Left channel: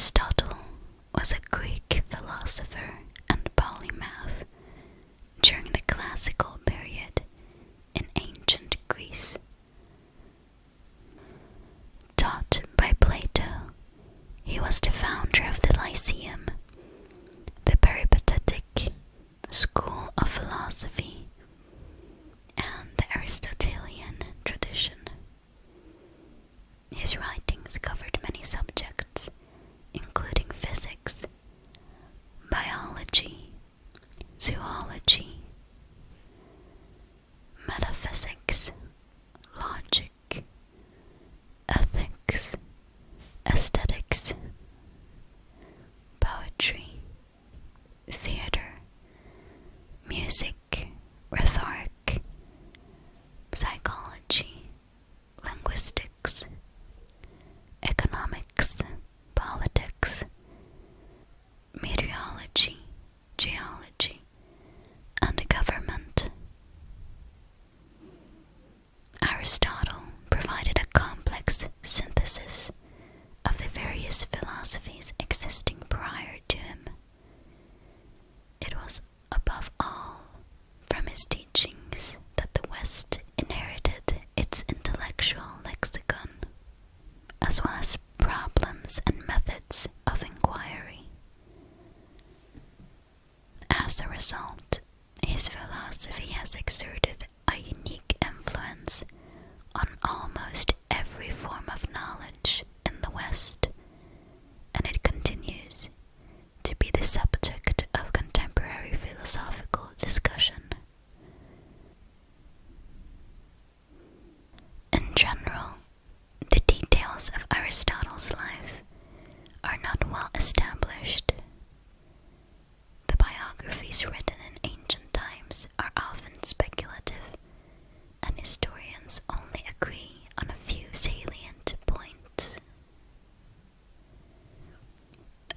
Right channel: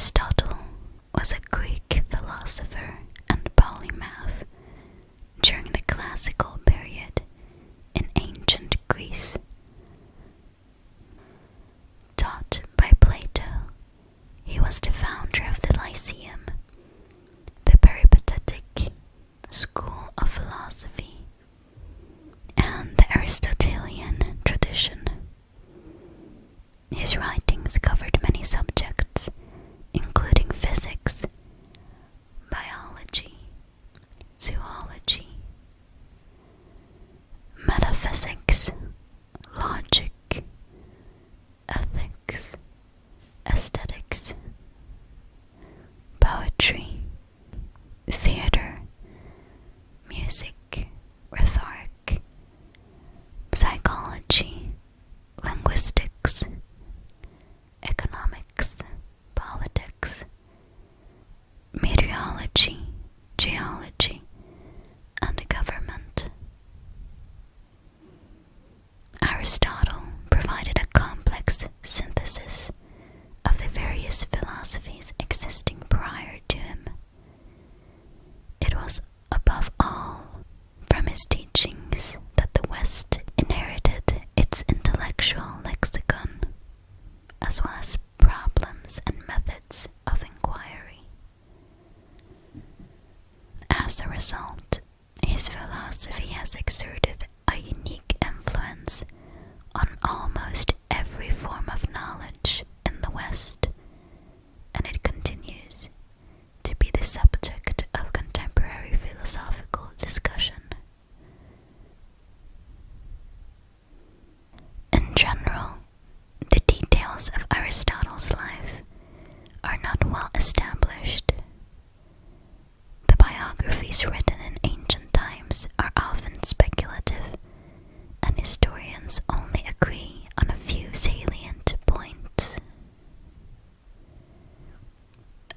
Aristotle was a Greek philosopher and polymath during the classical period in ancient Greece. Taught by Plato, he was the founder of the Lyceum, the peripatetic school of philosophy, and the Aristotelian tradition. His writings covered many subjects, including physics, biology, zoology, metaphysics, logic, ethics, aesthetics, poetry, theater, music, rhetoric, psychology, linguistics, economics, politics, meteorology, geology, and government. Aristotle provided a complex synthesis of the various philosophies existing prior to him. It was above all from his teachings that the West inherited its intellectual lexicon, as well as problems and methods of inquiry. As a result, his philosophy has exerted a unique influence on almost every form of knowledge in the West, and it continues to be the subject of contemporary philosophical discussion. In general, the details of Aristotle's life are not well established. The biographies written in ancient times are often speculative, and historians only agree on a few salient points.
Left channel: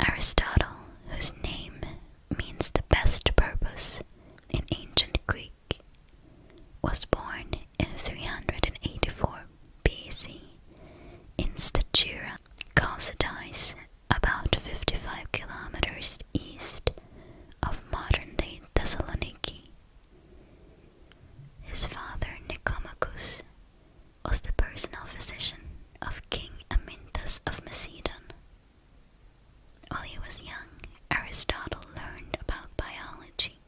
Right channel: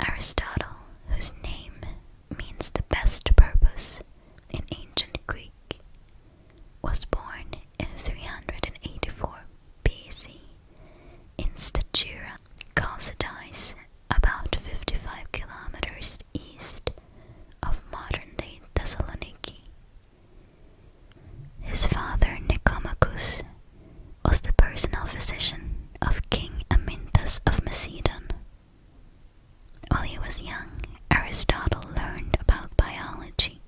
Aristotle, whose name means the best purpose in ancient Greek, was born in 384 BC in Stagira, Chalcidice, about 55 kilometers east of modern-day Thessaloniki. His father, Nicomachus, was the personal physician of King Amyntas of Macedon. While he was young, Aristotle learned about biology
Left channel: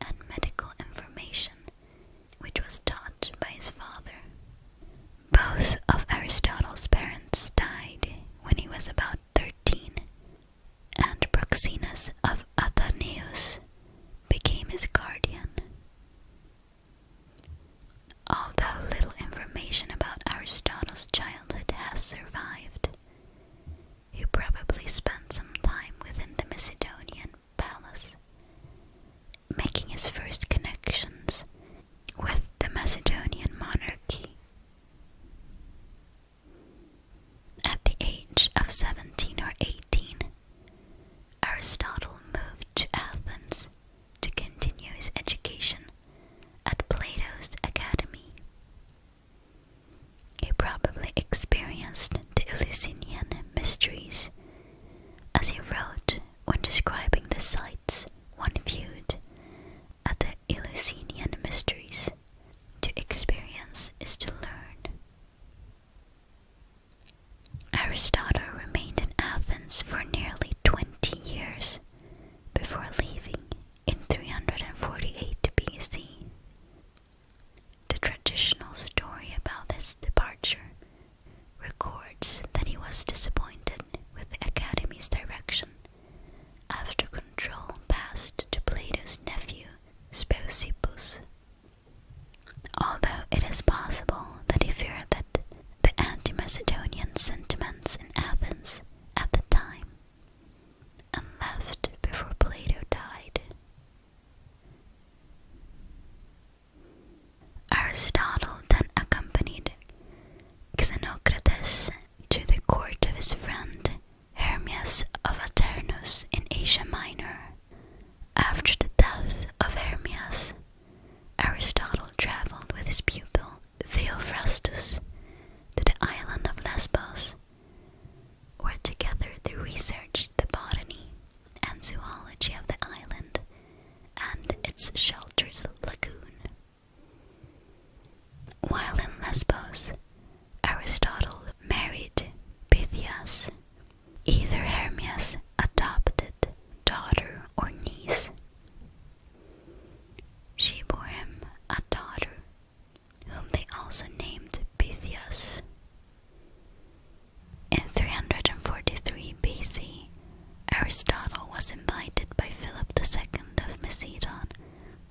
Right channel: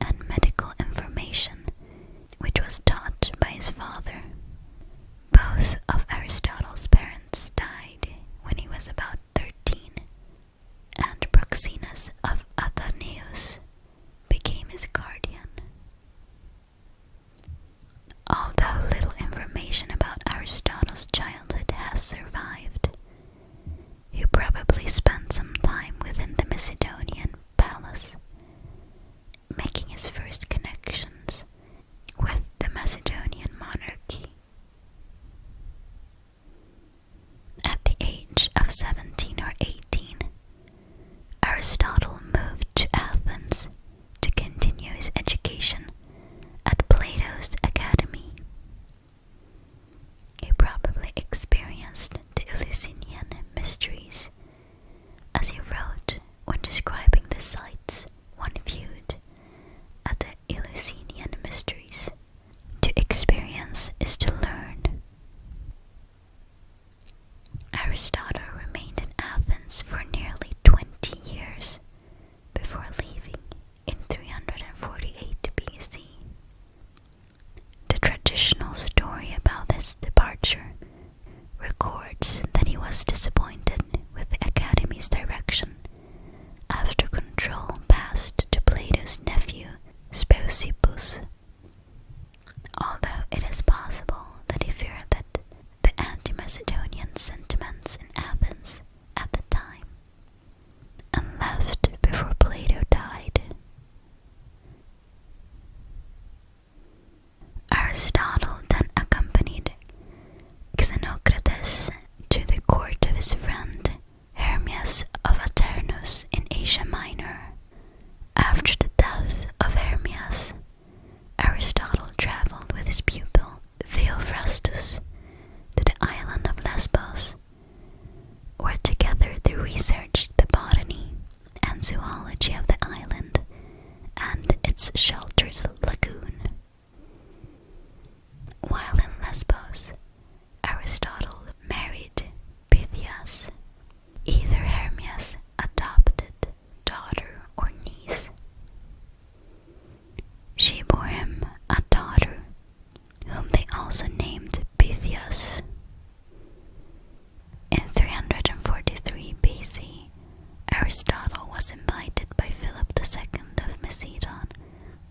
and medical information, which was taught by his father. Both of Aristotle's parents died when he was about 13, and Proxenus of Athanaeus became his guardian. Although little information about Aristotle's childhood has survived, he probably spent some time within the Macedonian palace, making his first connections with the Macedonian monarchy. At the age of 17 or 18, Aristotle moved to Athens to continue his education at Plato's Academy. He probably experienced the Eleusinian mysteries, as he wrote when describing the sights one viewed at the Eleusinian mysteries. To experience is to learn. Aristotle remained in Athens for nearly 20 years before leaving in 348 Hermias, either Hermias' adopted daughter or niece. She bore him a daughter, whom they also named Pythias. In 343 BC, Aristotle was invited by Philip II of Macedon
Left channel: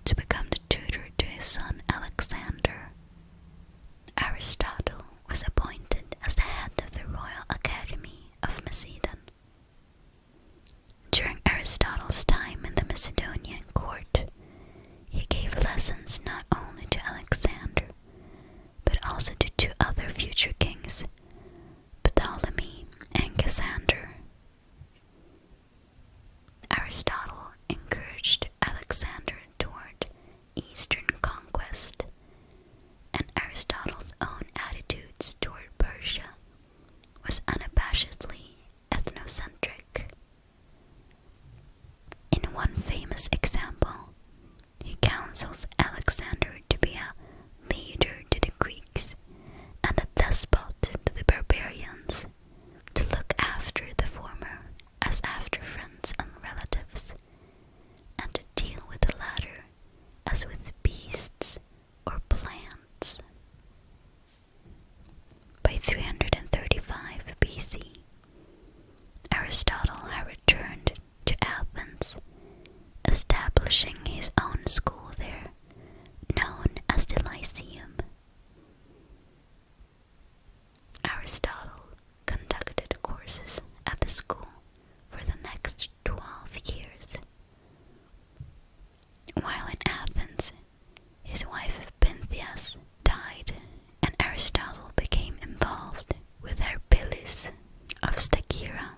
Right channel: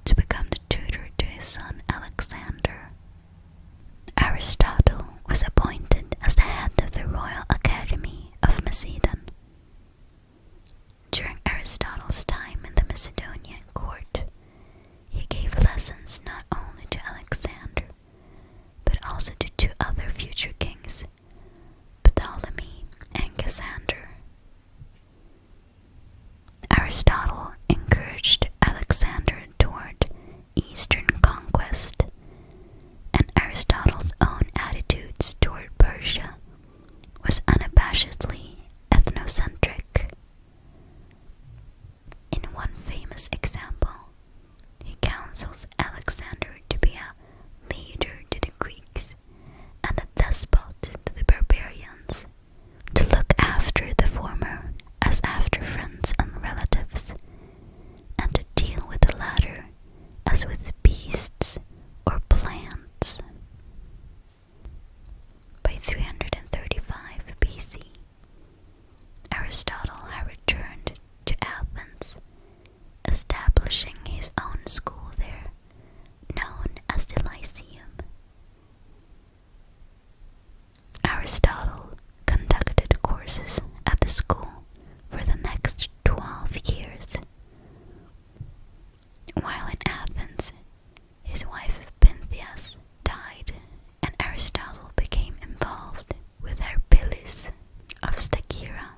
to become the tutor to his son Alexander. Aristotle was appointed as the head of the Royal Academy of Macedon. During Aristotle's time in the Macedonian court, he gave lessons not only to Alexander, but also to two other future kings, Ptolemy and Cassander. Aristotle encouraged Alexander toward Eastern conquest, and Aristotle's own attitudes toward Persia was unabashedly ethnocentric. In one famous example, he counsels Alexander to be a leader to the Greeks and a despot to the barbarians, to look after the former as after friends and relatives, and to deal with the latter as with beasts or plants. By 335 BC, Aristotle had returned to Athens, establishing his own school there, known as the Lyceum. Aristotle conducted courses at the school for the next 12 years. While in Athens, his wife Pythias died, and Aristotle became involved with Harpylus of Stagira,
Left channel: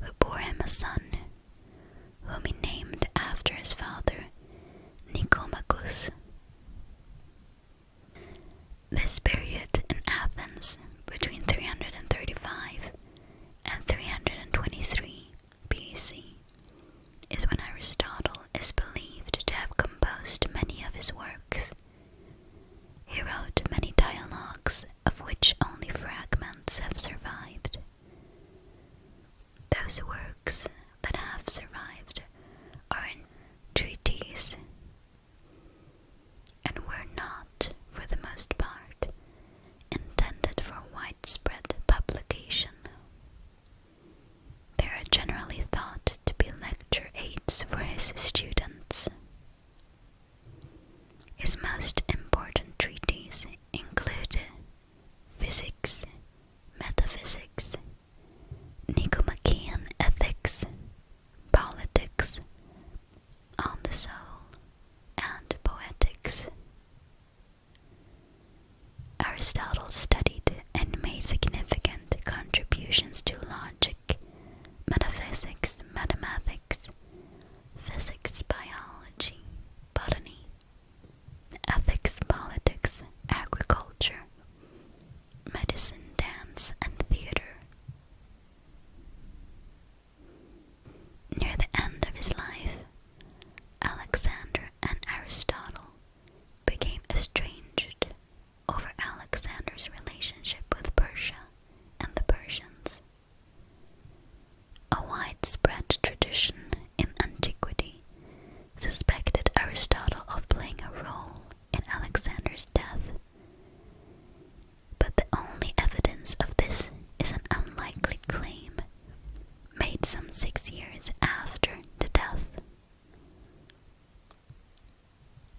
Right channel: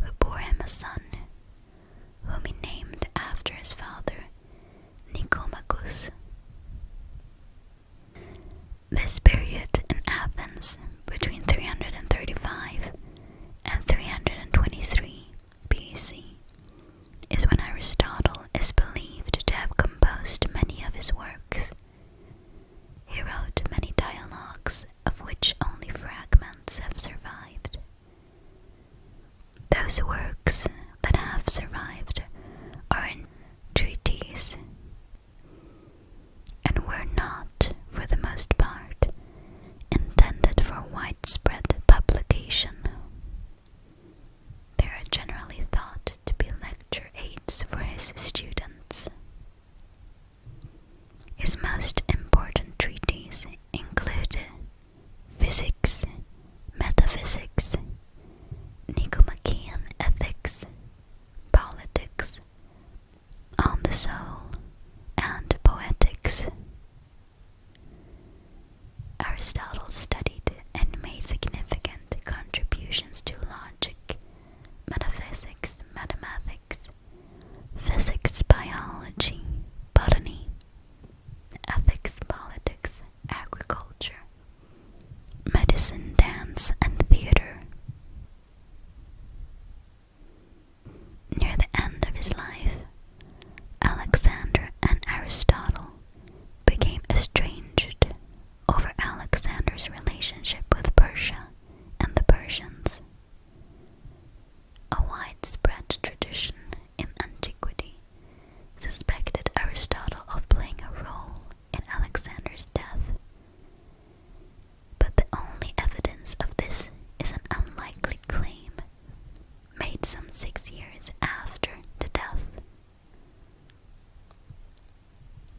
who bore him a son, whom he named after his father, Nicomachus. This period in Athens, between 335 and 323 BC, is when Aristotle is believed to have composed many of his works. He wrote many dialogues, of which only fragments have survived. Those works that have survived are in treatises, and were not, for the most part, intended for widespread publication. They are generally thought to be lecture aids for his students. His most important treatises include Physics, Metaphysics, Nicomachean Ethics, Politics, On the Soul, and Poetics. Aristotle studied and made significant contributions to logic, metaphysics, mathematics, physics, biology, botany, ethics, politics, agriculture, medicine, dance, and theater. Near the end of his life, Alexander and Aristotle became estranged over Alexander's relationship with Persia and the Persians. A widespread tradition in antiquity suspected Aristotle of playing a role in Alexander's death, but the only evidence of this is an unlikely claim made some 6 years after the death.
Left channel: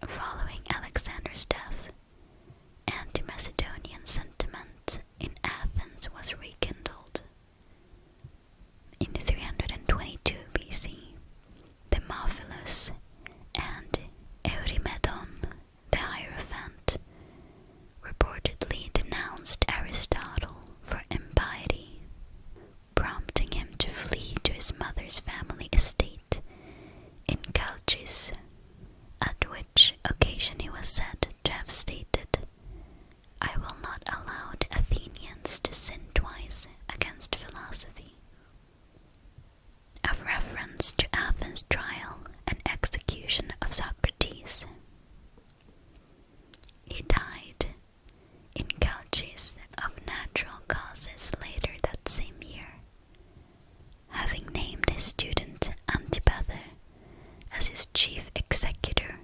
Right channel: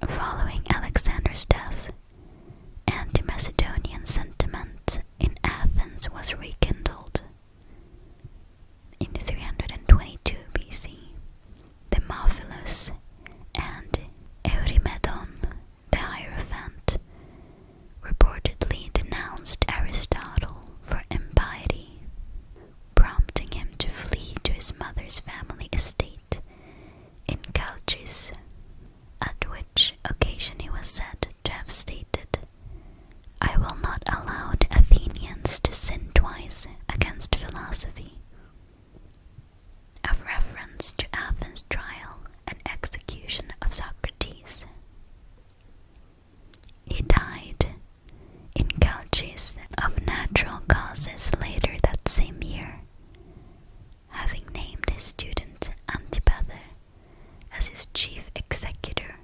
Following Alexander's death, anti-Macedonian sentiment in Athens was rekindled. In 322 BC, Demophilus and Eurymedon, the Hierophant, reportedly denounced Aristotle for impiety, prompting him to flee to his mother's family estate in Chalcis, at which occasion he was said to have stated, "I will not allow the Athenians to sin twice against philosophy," of reference to Athens' trial and execution of Socrates. He died in Chalcis of natural causes later that same year. his student Antipater as his chief executor,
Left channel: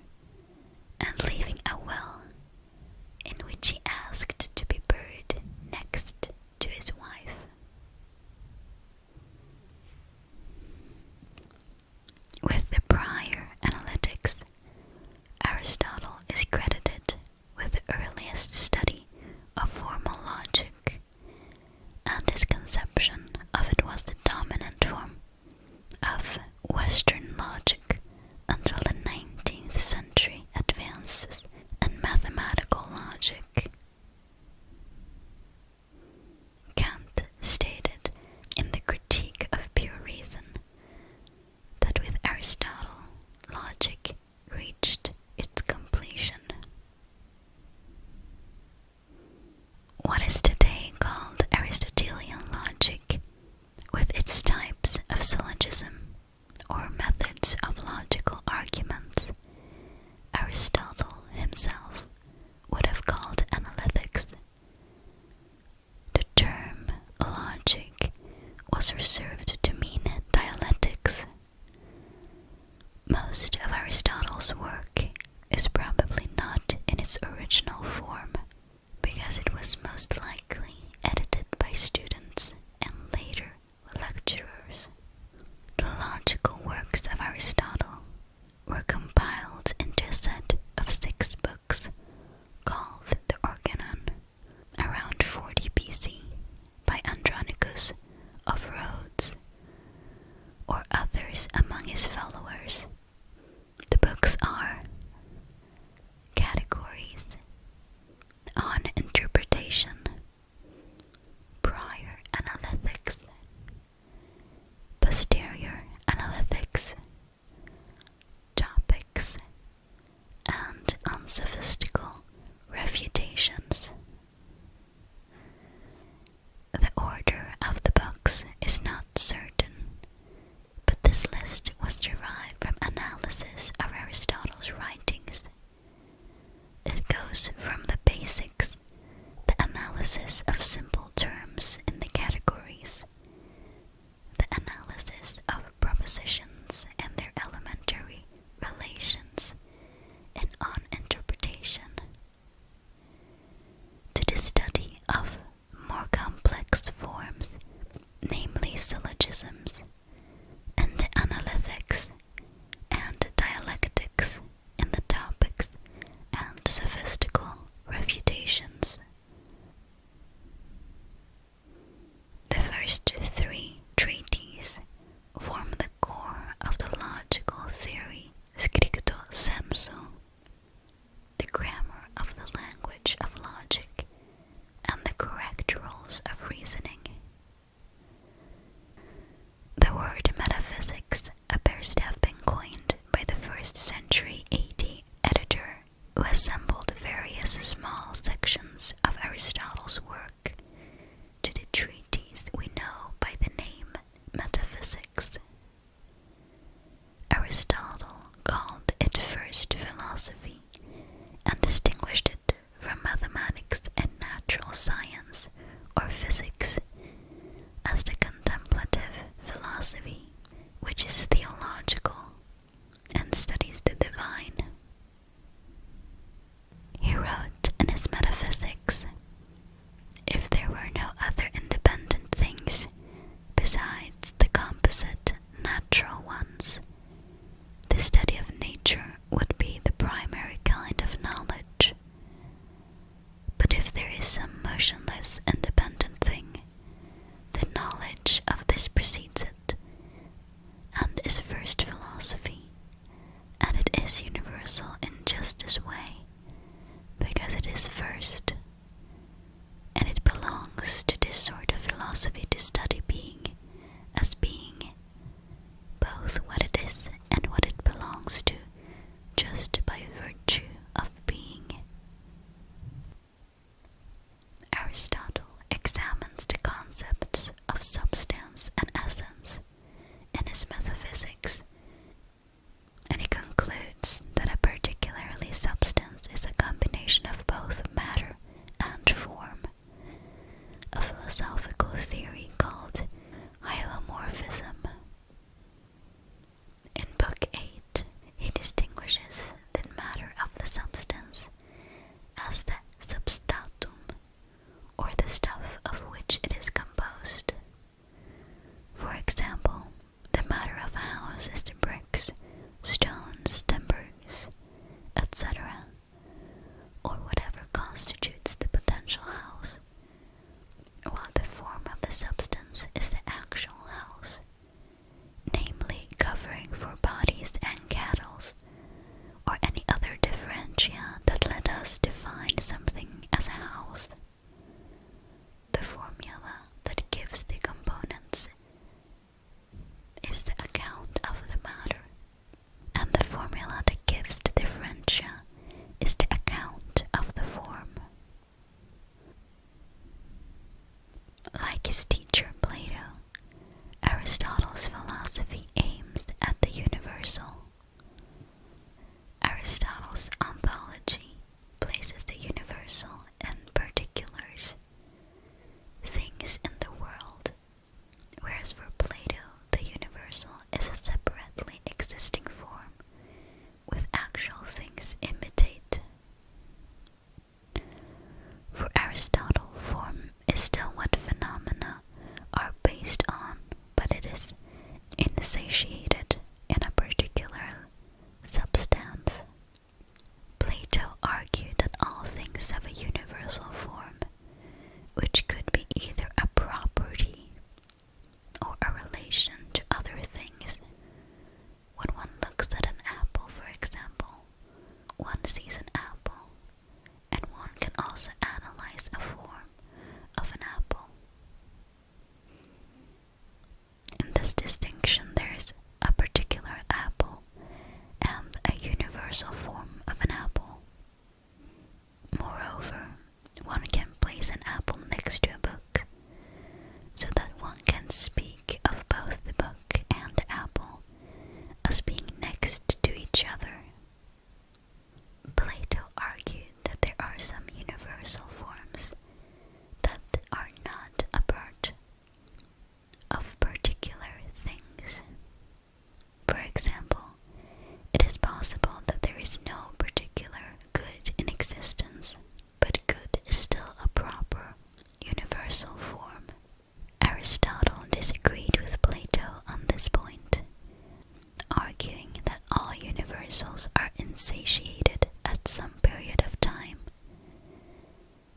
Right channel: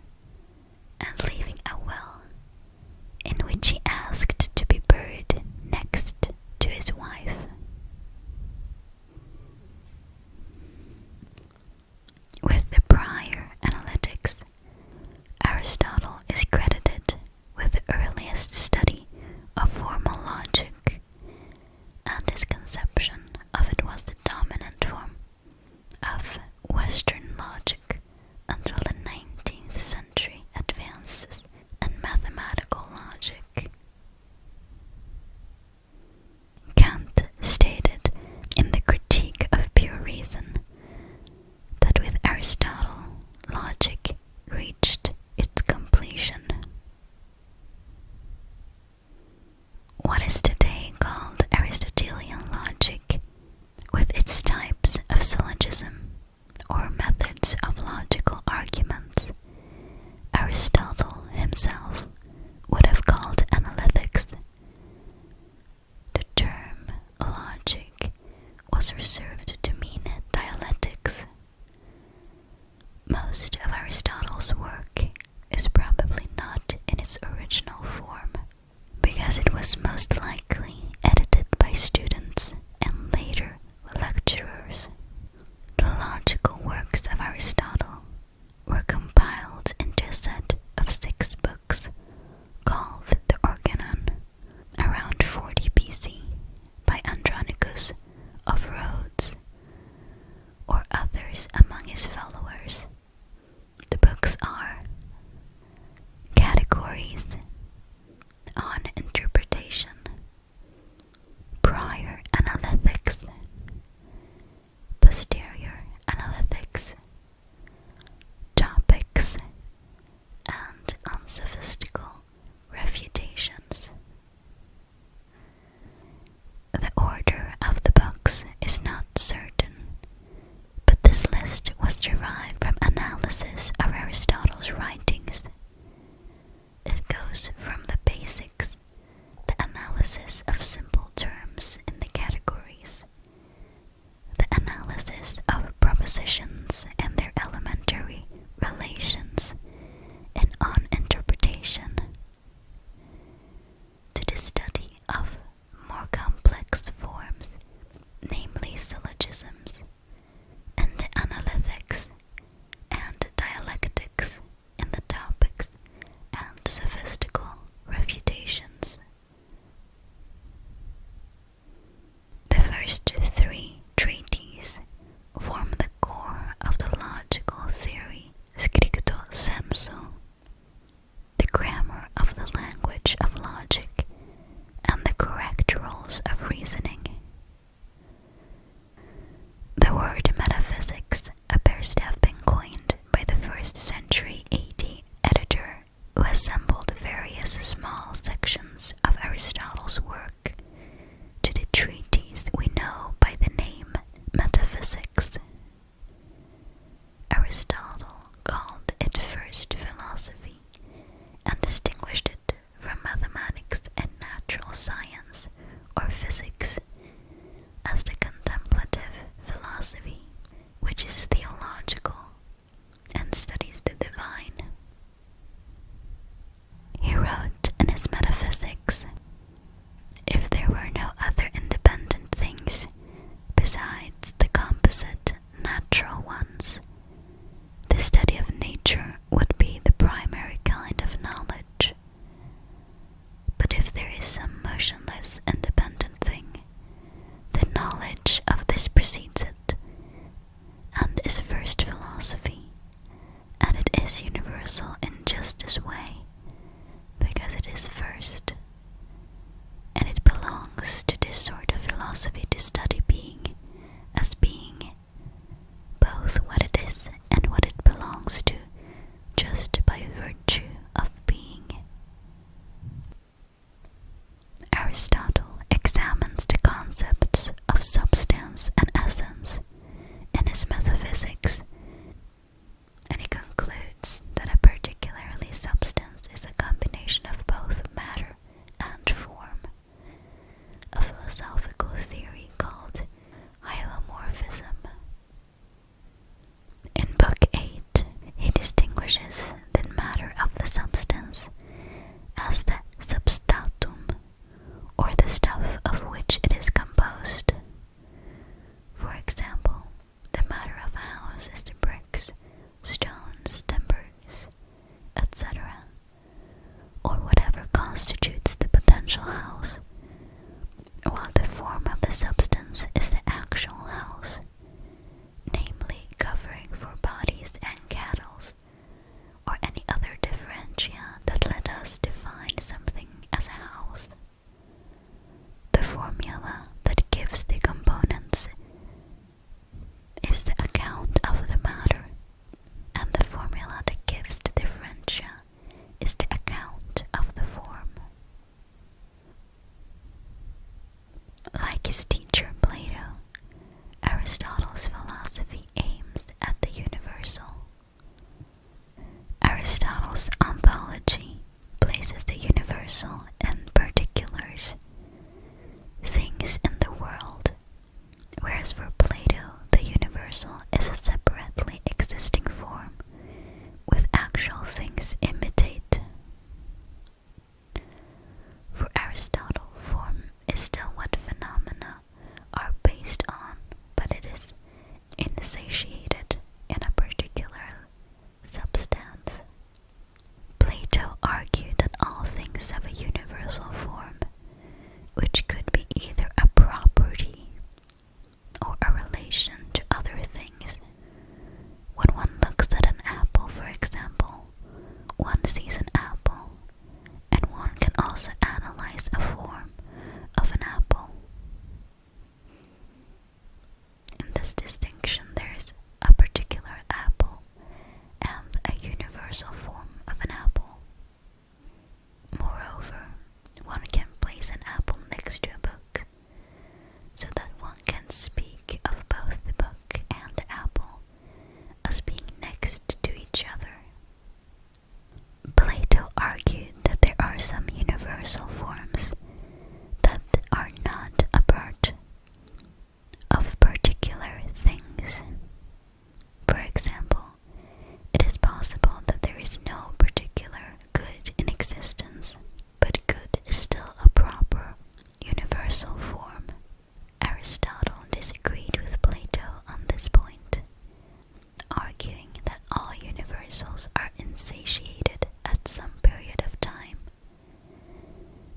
and leaving a will in which he asked to be buried next to his wife. With the prior analytics, Aristotle is credited with the earliest study of formal logic, and his conception of it was the dominant form of Western logic until the 19th century advances in mathematical logic. Kant stated in the Critique of Pure Reason that with Aristotle, logic reached its completion. What is today called Aristotelian logic, with its types of syllogism or methods of logical arguments, Aristotle himself would have called analytics. The term logic was reserved to mean dialectics. Most of Aristotle's work is probably not in its original form, because it was most likely edited by students and later lecturers. The logical works of Aristotle were compiled into a set of 6 books called the Organon around 40 BC by Andronicus of Rhodes or others among his followers. The books are Categories, On Interpretation, Prior Analytics, Posterior Analytics, Topics, and Unsophistical Refutations. The order of the books is not certain, but this list was derived from analysis of Aristotle's writings. It goes from the basics, the analysis of simple terms in the categories, the analysis of propositions and their elementary relations, and on interpretation, to the study of more complex forms, namely syllogisms, and the analytics and dialectics in the topics and sophistical refutations. The first 3 treatises form the core of the logical theory Scripto sensu, the grammar of the language of logic, and the correct rules of reasoning. The word metaphysics appears to have been coined by the 1st century AD editor who assembled various small sections of Aristotle's work to the treatise we know by the name Metaphysics. Aristotle called it first philosophy and distinguished it from mathematics and natural science or physics as the contemplative philosophy, which is theological and studies the divine. He wrote in his Metaphysics, if there were no other independent things besides the composite natural ones, the study of nature would be the primary kind of knowledge. But if there is some motionless independent thing, the knowledge of this precedes it, as for Plato, the universal is a separately existing form, with actual things imitate. For Aristotle, form is still what phenomena are based on, but it is insatiated in a particular substance. Plato argued that all things have a universal form, which could be either a property or a relation to other things. When one looks at an apple, for example, one sees an apple, and one can also analyze a form of an apple. In this distinction, there is a particular apple and a universal form of an apple. Moreover, one can place an apple next to a book, so that one can speak of both the book and the apple as being next to each other. Plato argued that there are some universal forms that are not a part of particular things. For example, it is possible that there is no particular good in existence, but good is still a proper universal form. Aristotle disagreed with Plato on this point, arguing that all universals are insatiated at some period of time,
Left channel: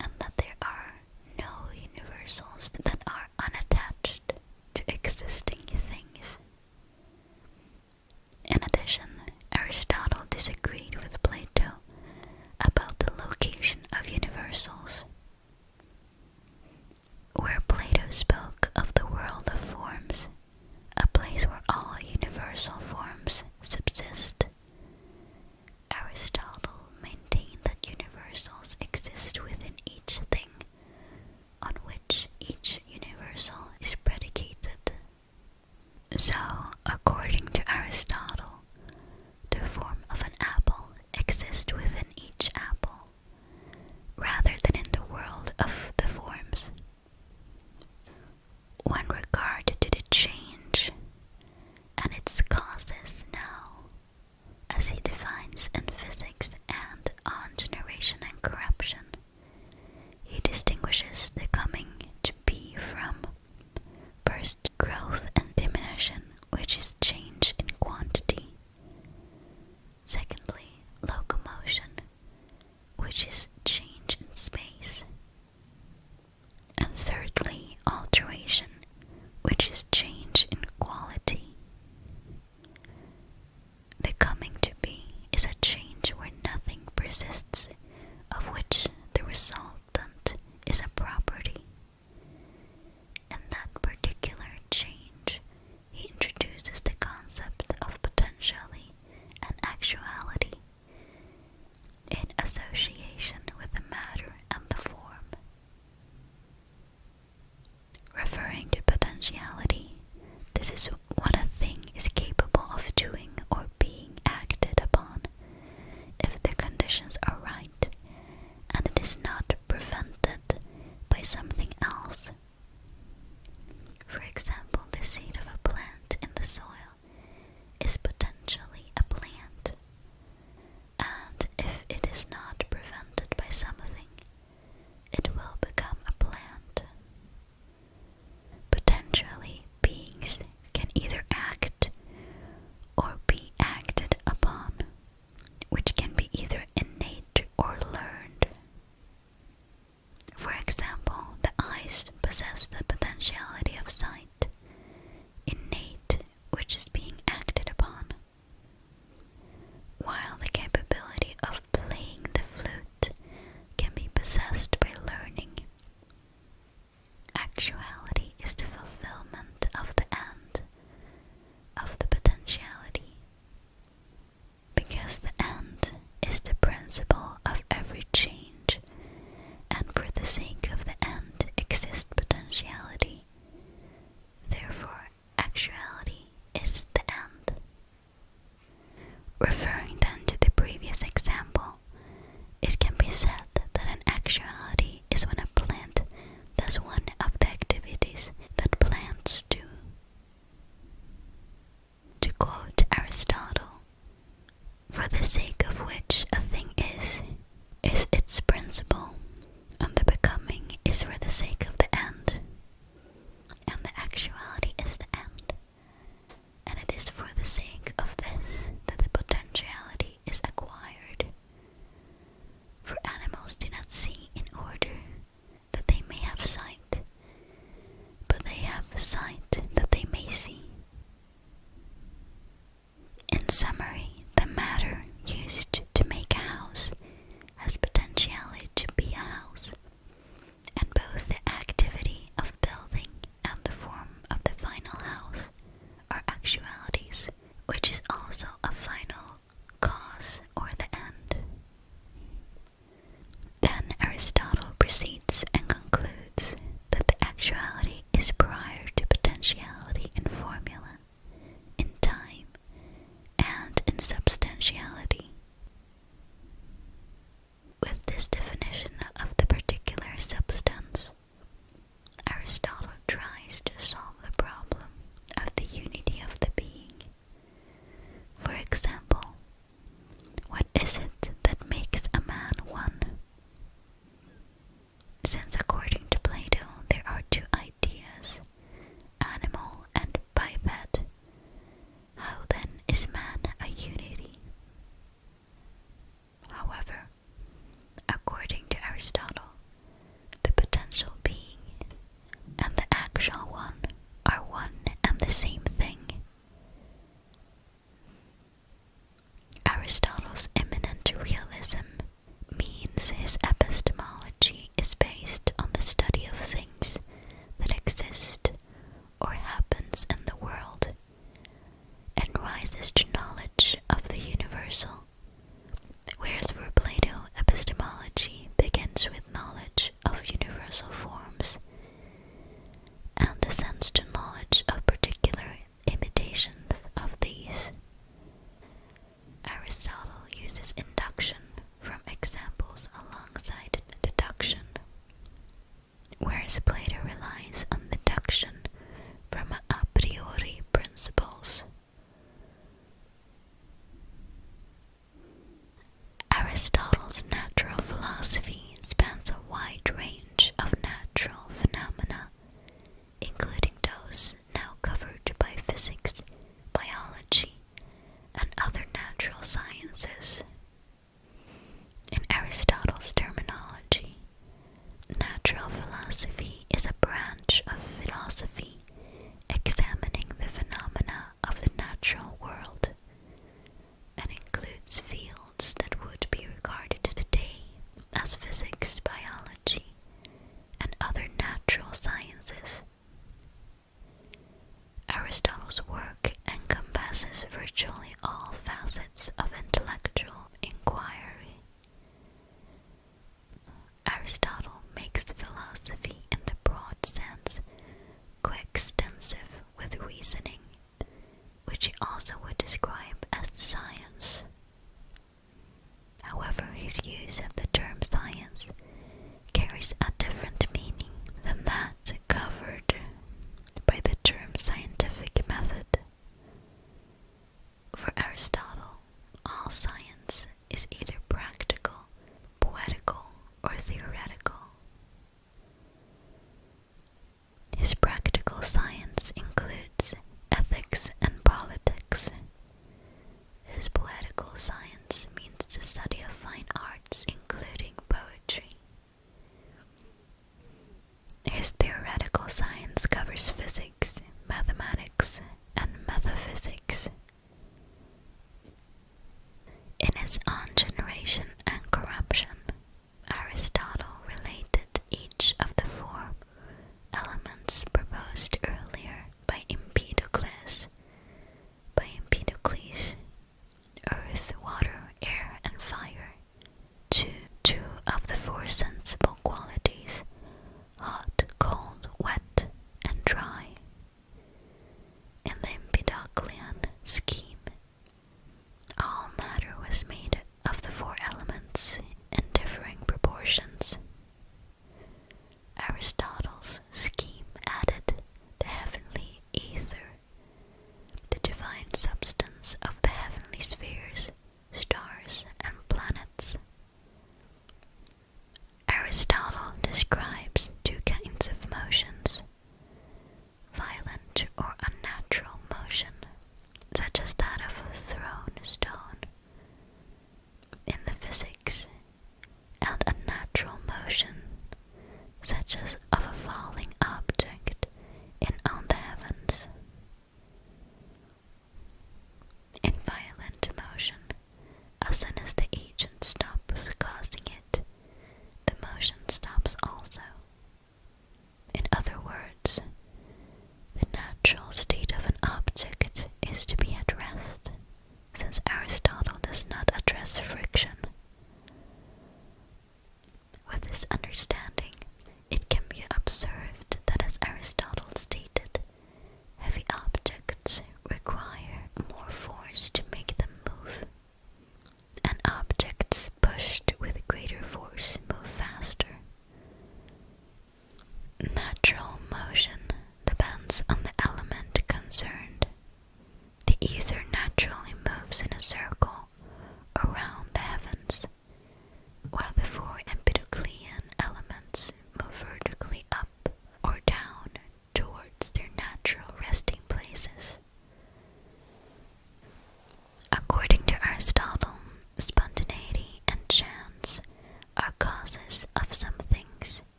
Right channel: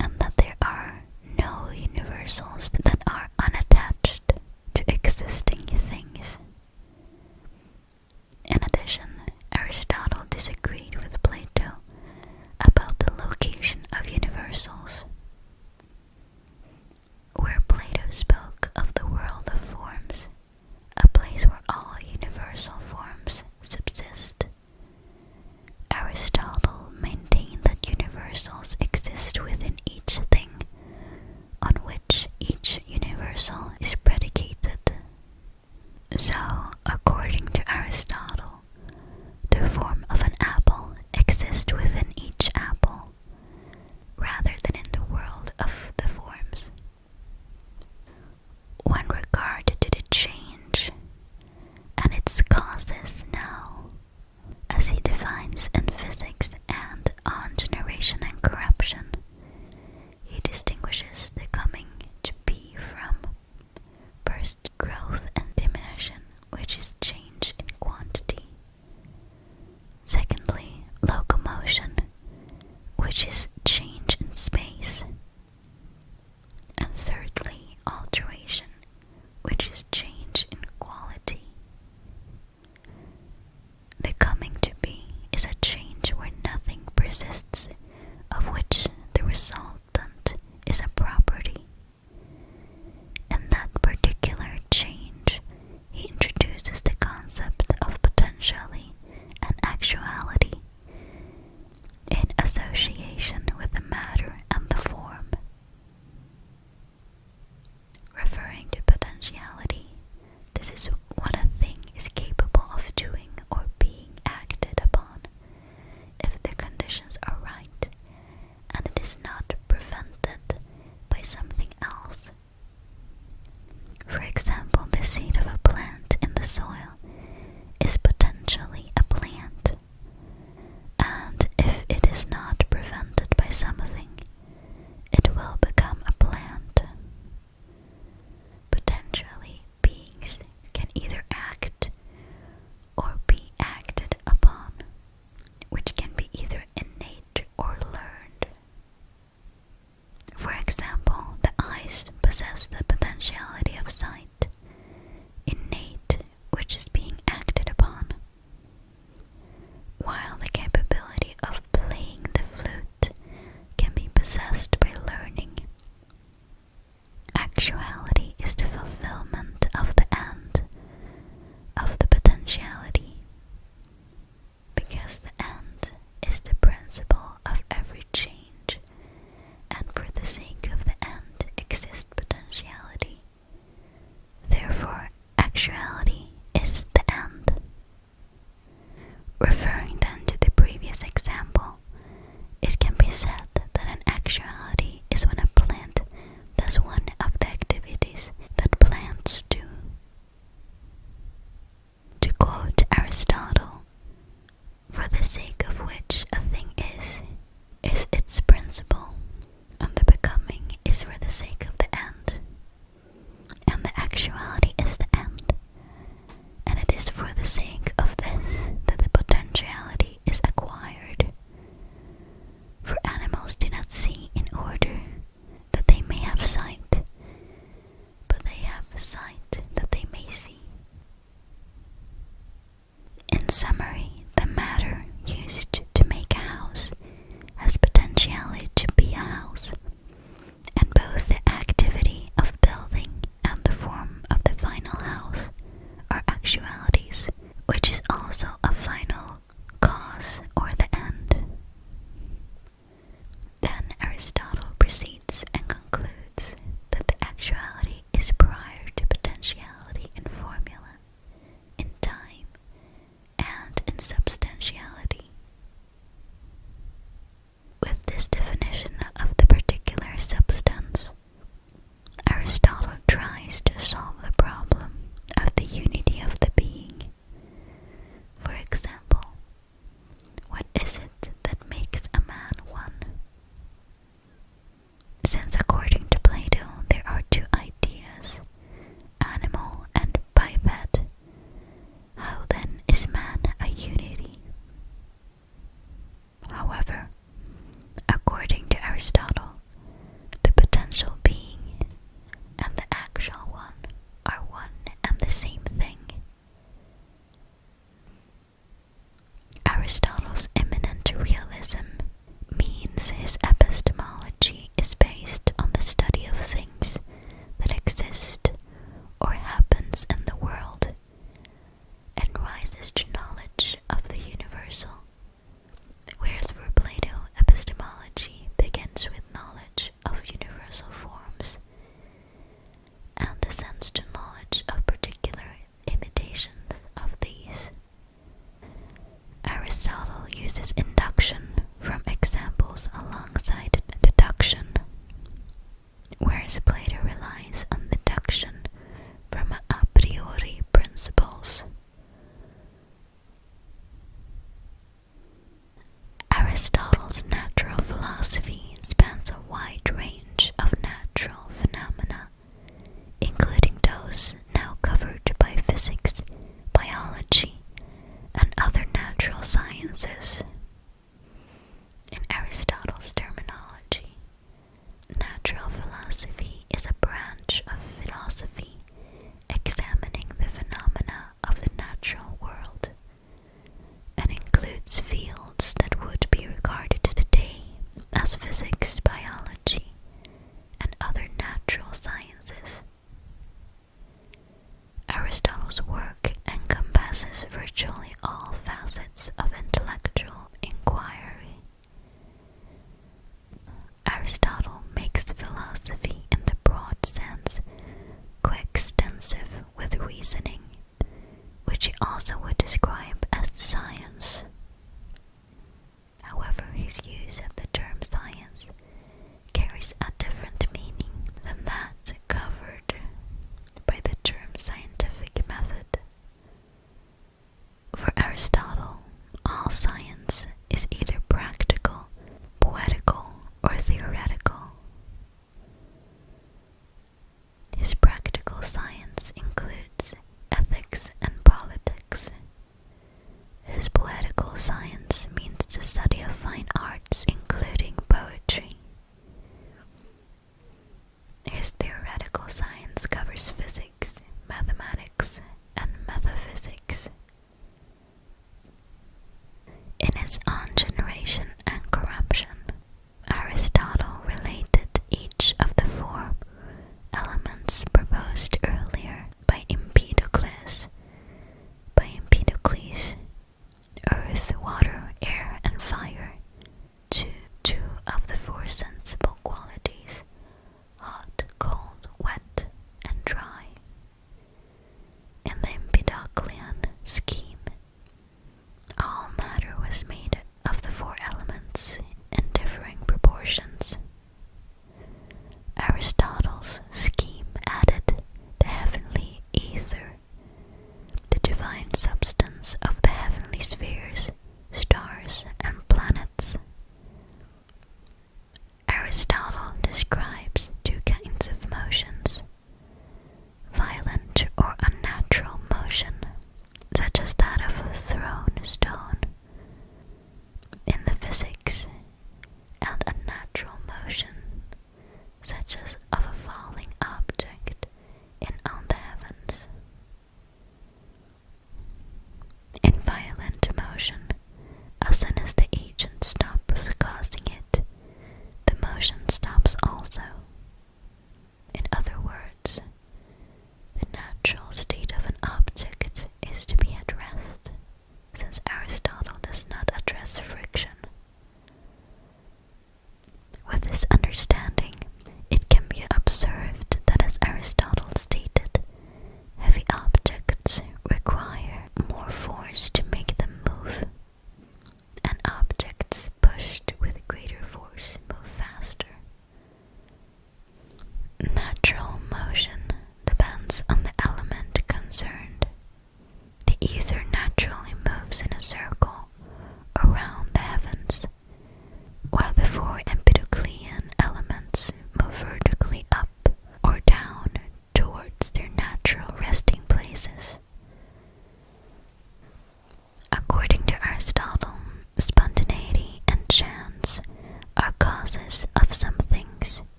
and that there are no universals that are unattached to existing things. In addition, Aristotle disagreed with Plato about the location of universals. Where Plato spoke of the world of forms, a place where all universal forms subsist, Aristotle maintained that universals exist within each thing on which each universal is predicated. So, according to Aristotle, the form of an apple exists within each apple, rather than in the world of the forms. When regard to the change and its causes now, as he defines in physics and on generation and corruption, he distinguishes the coming to be from first growth and diminution, which is change in quantity. Secondly, locomotion, which is change in space. And thirdly, alteration, which is change in quality. The coming to be is a change where nothing persists, of which the resultant is a property. In that particular change, he introduces the concept of potentiality and actuality in association with the matter and the form. Referring to potentiality, this is what a thing is capable of doing or being acted upon if the conditions are right and it is not prevented by something else. For example, the seed of a plant in the soil is potentially a plant, and if it is not prevented by something, it will become a plant. Potentially, beings can the sake of this that the potentiality is acquired. For animals do not see in order that they may have sight, but they have sight that they may see. In summary, the matter used to make a house has potentiality to be a house, and both the activity of building and the form of the final house are actualities, which is also a final cause or the end. Then Aristotle proceeds and concludes that the actuality is prior to potentiality in formula, in time, and in substantiality. With this definition of the particular substance, Aristotle tries to solve the problem of the unity of the being. For example, what is it that makes a man one? Since according to Plato there are two ideas, animal and biped, how then is man a unity? However, according to Aristotle, the potential being and the actual one are one and the same thing. Aristotle's immanent realism means his epistemology is based on the study of things that exist or happens in the world, and rises to knowledge of the universal, whereas for Plato, epistemology begins with knowledge of universal forms and descends to knowledge of particular imitations of these. Aristotle uses induction from examples alongside deduction, whereas Plato relies on deduction from a priori principles. Aristotle's natural philosophy spans a wide range of natural phenomena, including those now covered by physics, biology, and other natural sciences. In Aristotle's terminology, natural philosophy is a branch of philosophy examining the phenomena of the natural world, and includes fields that would be regarded today as physics, biology, and other natural sciences. Aristotle's work encompasses virtually all facets of intellectual inquiry. Aristotle makes philosophy in the broad sense coextensive with reasoning, which he also would describe as science. However, his use of the term science carries a different meaning than that covered by the term scientific method. For Aristotle, all science is either practical, poetical, or theoretical. His practical science includes ethics and politics. His poetical science means the study of fine arts, including poetry. His theoretical science covers physics, mathematics, and metaphysics. In his On Generation and Corruption, Aristotle related each of the four elements proposed earlier by Empedocles, earth, water, air, and fire, to two of the four sensible qualities, hot, cold, wet, and dry. In the Empedoclean scheme, all matter was made of the four elements in differing proportions. Aristotle's scheme added the heavenly ether, the divine substance of the heavenly spheres, stars, and planets. Aristotle describes two kinds of motions: violent or unnatural motion, such as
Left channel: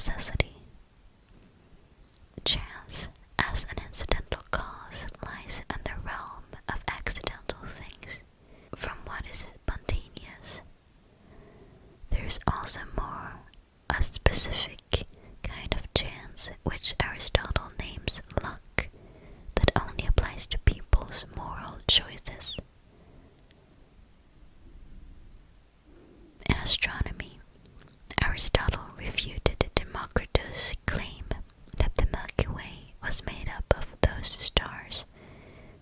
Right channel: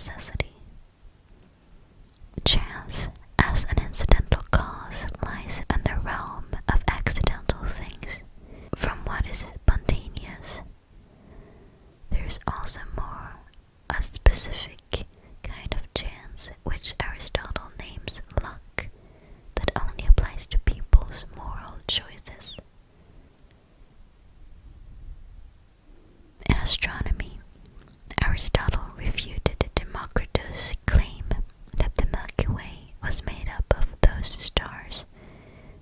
necessity. Chance, as an incidental cause, lies in the realm of accidental things, from what is spontaneous. There is also more a specific kind of chance, which Aristotle names luck, that only applies to people's moral choices. In astronomy, Aristotle refuted Democritus' claim that the Milky Way was made up of those stars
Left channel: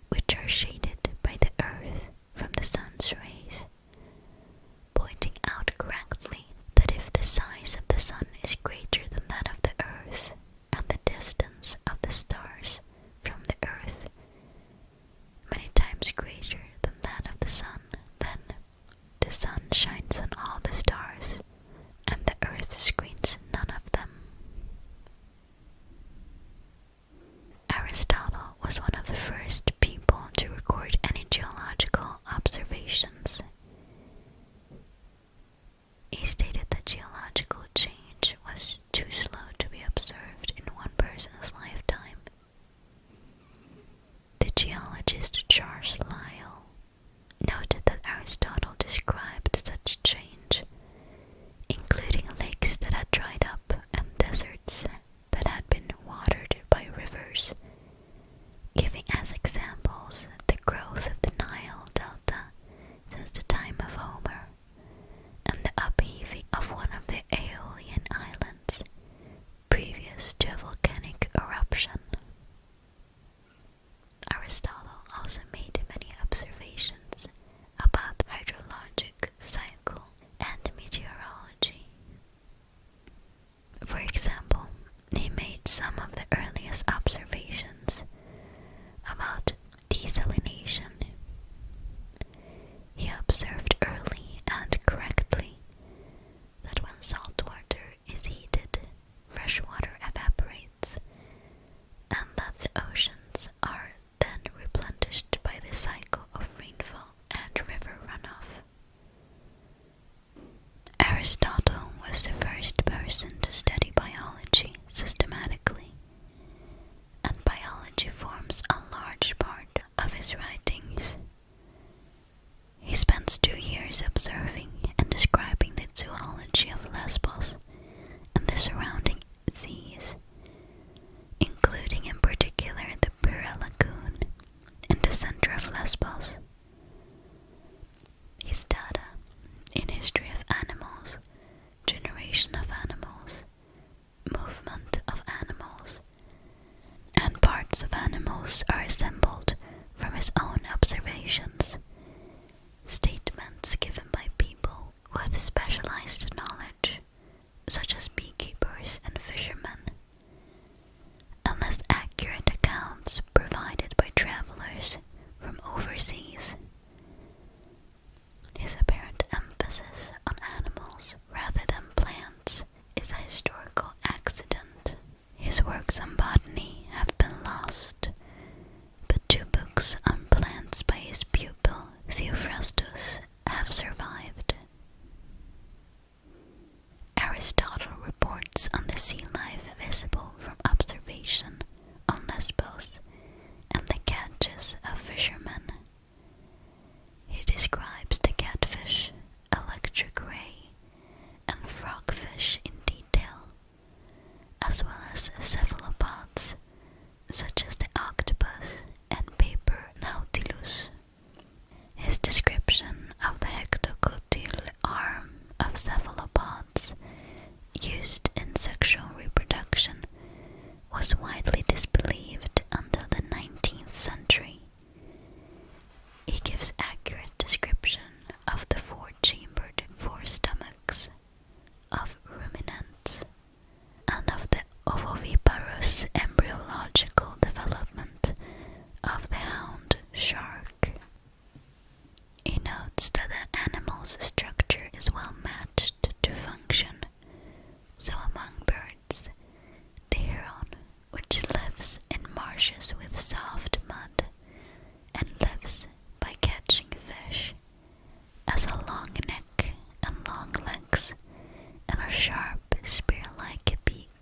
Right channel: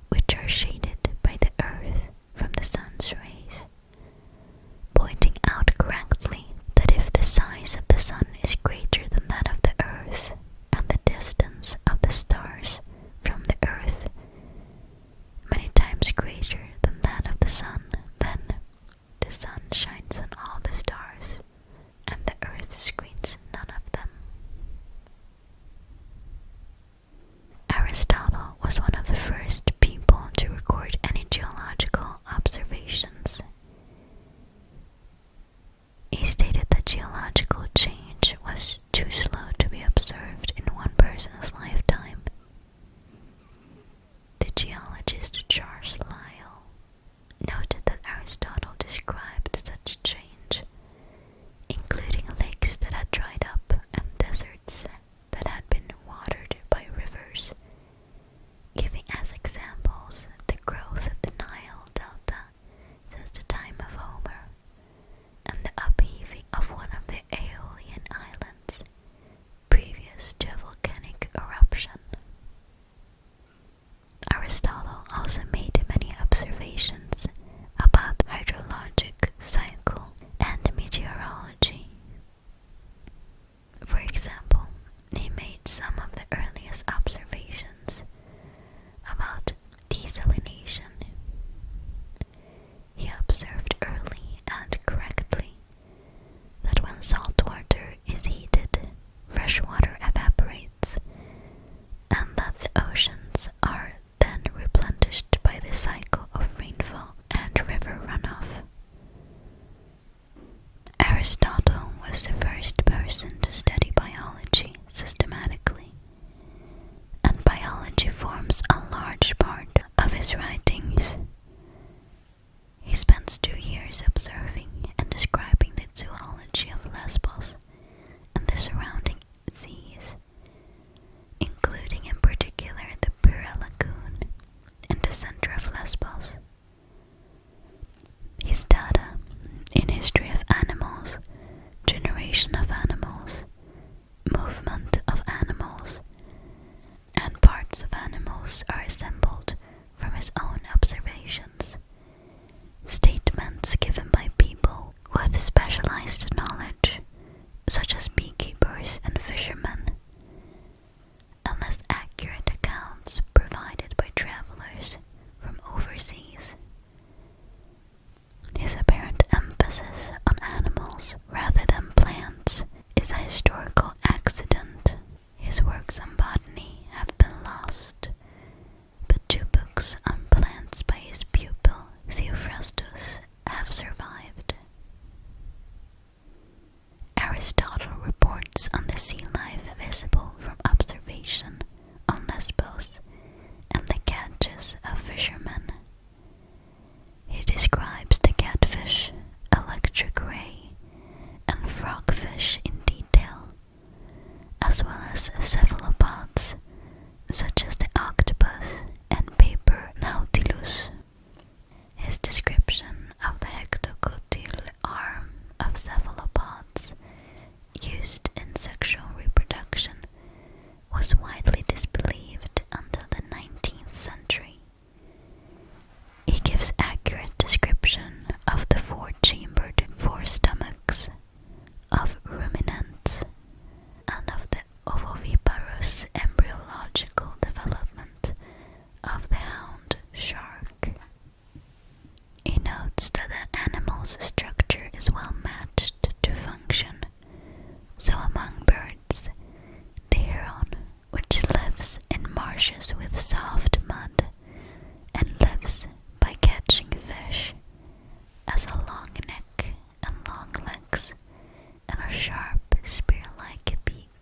which are shaded by the Earth from the sun's rays, pointing out correctly that if the size of the sun is greater than that of the Earth, and the distance of the stars from the Earth many times greater than that of the sun, then the sun shines on all the stars, and the Earth screens none of them. Aristotle was one of the first people to record any geological observations. He stated that geological change was too slow to be observed in one person's lifetime. The geologist Charles Lyell noted that Aristotle described such change, including lakes that had dried up and deserts that had been watered by rivers, giving as examples the growth of the Nile Delta since the time of Homer, and the upheaving of one of the Aeolian Islands previous to a volcanic eruption. Aristotle also made many observations about the hydrologic cycle and meteorology. For example, he made some of the earliest observations about desalination. He observed early and correctly that when salt water is heated, fresh water evaporates, and that the oceans are then replenished by the cycle of rainfall and river runoff. Aristotle was the first person to study biology systematically, and biology forms a large part of his writings. He spends 2 years observing and describing the zoology of Lesbos and the surrounding seas, including in particular the Pura Lagoon in the center of Lesbos. His data in history of animals, generation of animals, movement of animals, and parts of animals are assembled from his own observations, statements given by people with specialized knowledge, such as beekeepers and fishermen, and less accurate accounts provided by travelers from overseas. His apparent emphasis on animals rather than plants is a historical accident. His works on botany have been lost, but 2 books on plants by his pupil Theophrastus have survived. Aristotle reports on the sea life visible from observation on Lesbos and the catches of fishermen. He describes the catfish, electric ray, and frogfish in detail, as well as cephalopods such as the octopus and paper nautilus. His description of the hectocotyle arm of cephalopods used in sexual reproduction was widely disbelieved until the 19th century. He gives accurate description of the 4-chambered forestomachs of ruminants and of the ovoviparous embryological development of the hound shark. He notes that an animal's structure is well matched to function. So among birds, the heron, which lives in marshes with soft mud and lives by catching fish, has a long neck and long legs and a sharp spear-like beak.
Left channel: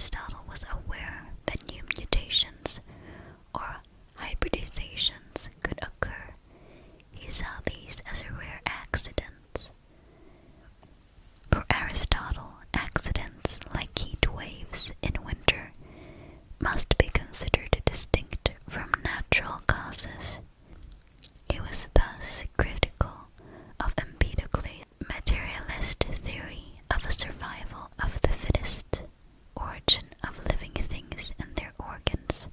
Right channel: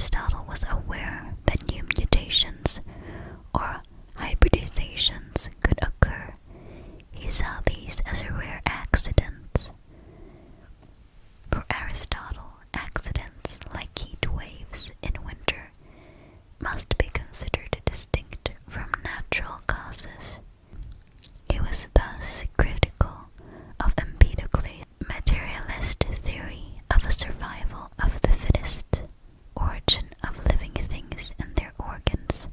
Aristotle was aware that new mutations or hybridizations could occur, he saw these as rare accidents. For Aristotle, accidents like heat waves in winter must be considered distinct from natural causes. He was thus critical of empirically materialist theory of a survival of the fittest, origin of living things and their organs,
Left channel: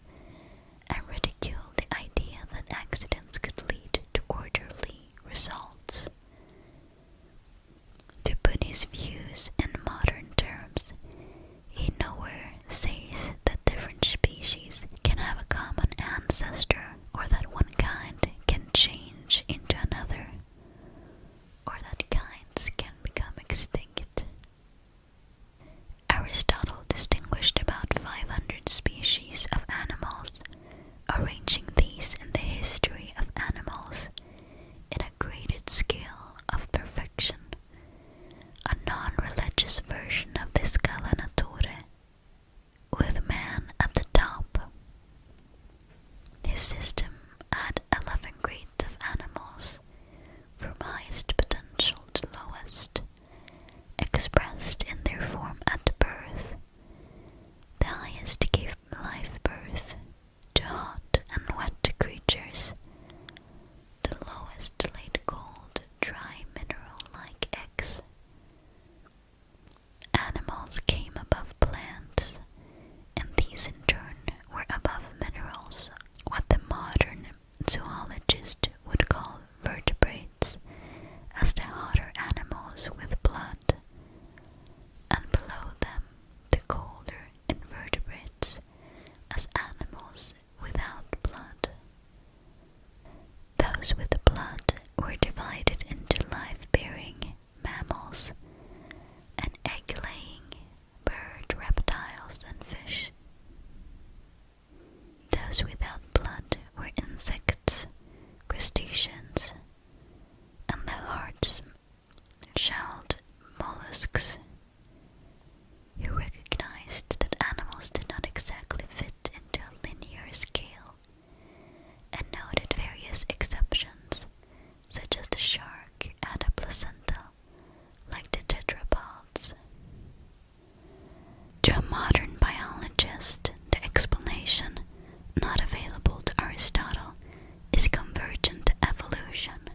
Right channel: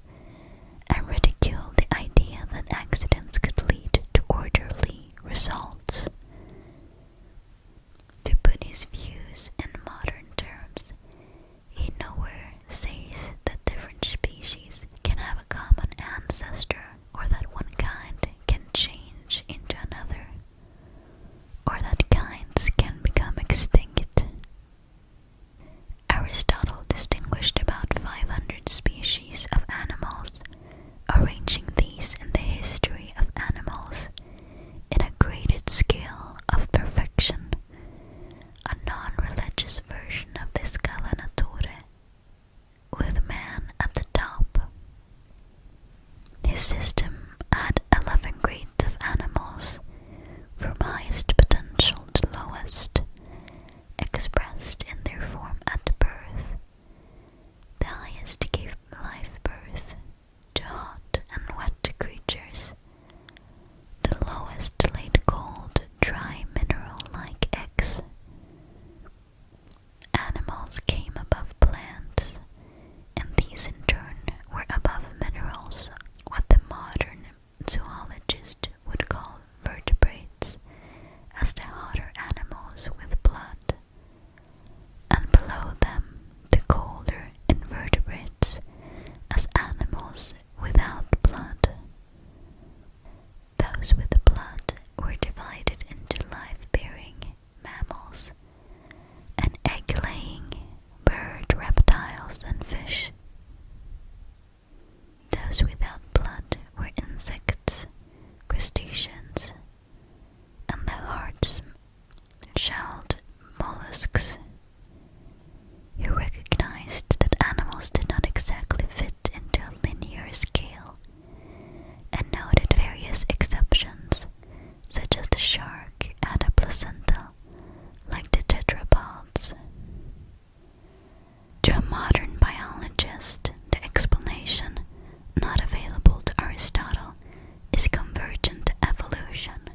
and ridiculed the idea that accidents could lead to orderly results. To put his views in modern terms, he nowhere says that different species can have a common ancestor, or that one kind can change into another, or that kinds can become extinct. Aristotle distinguished about 500 species of animals, arranging these in the history of animals in a graded scale of perfection, a non-religious version of the Scala Naturae, with man at the top. His system had 11 grades of animals, from highest potential to lowest, expressed in their form at birth. The highest gave live birth to hot and wet creatures. The lowest laid cold, dry, mineral-like eggs. Animals came above plants, and these in turn were above minerals, what the modern zoologist would call vertebrates, as the hotter animals with blood, and below them the colder invertebrates, as animals without blood. Those with blood were divided into live-bearing mammals and egg-laying bird, reptiles, and fish. Those without blood were insects, crustaceans, and the hard-shelled mollusks. He recognized that animals did not exactly fit into a linear scale, and noted various exceptions, such as the shark had a placenta, like the tetrapods. To a modern biologist, the explanation not available to Aristotle is convergent evolution.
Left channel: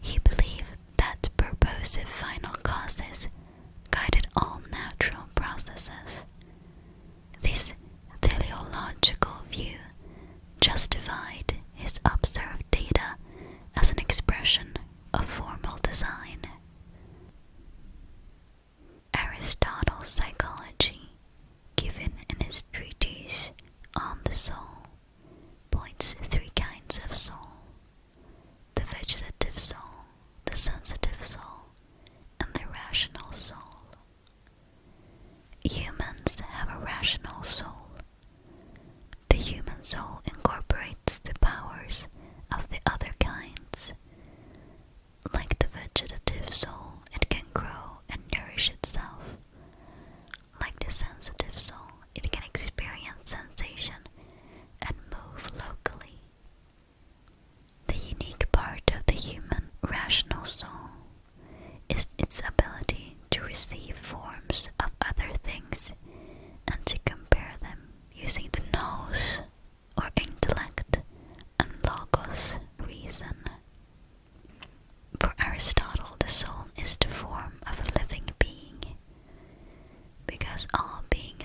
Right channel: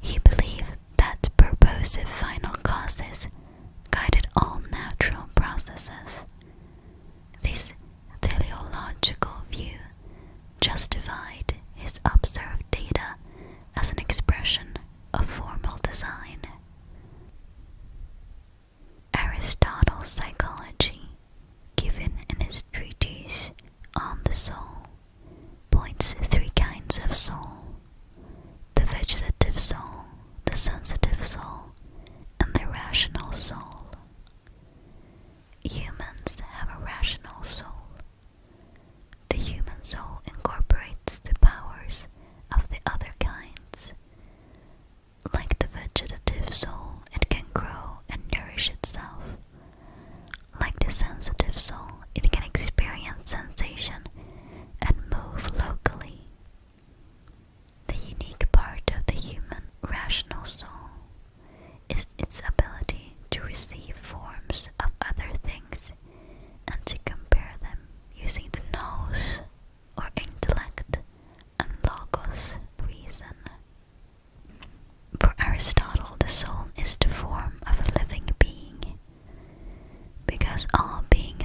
He believed that purposive final causes guided all natural processes. This teleological view justified his observed data as an expression of formal design. Aristotle's psychology, given in his treatise On the Soul, points to 3 kinds of soul: the vegetative soul, the sensitive soul, and the rational soul. Humans have a rational soul. The human soul incorporates the powers of the other kinds. Like the vegetative soul, it can grow and nourish itself. Like the sensitive soul, it can experience sensation and move locally. The unique part of the human rational soul is its ability to receive forms of other things and to compare them using the nous, or intellect, and logos, reason. For Aristotle, the soul is the form of a living being, because all being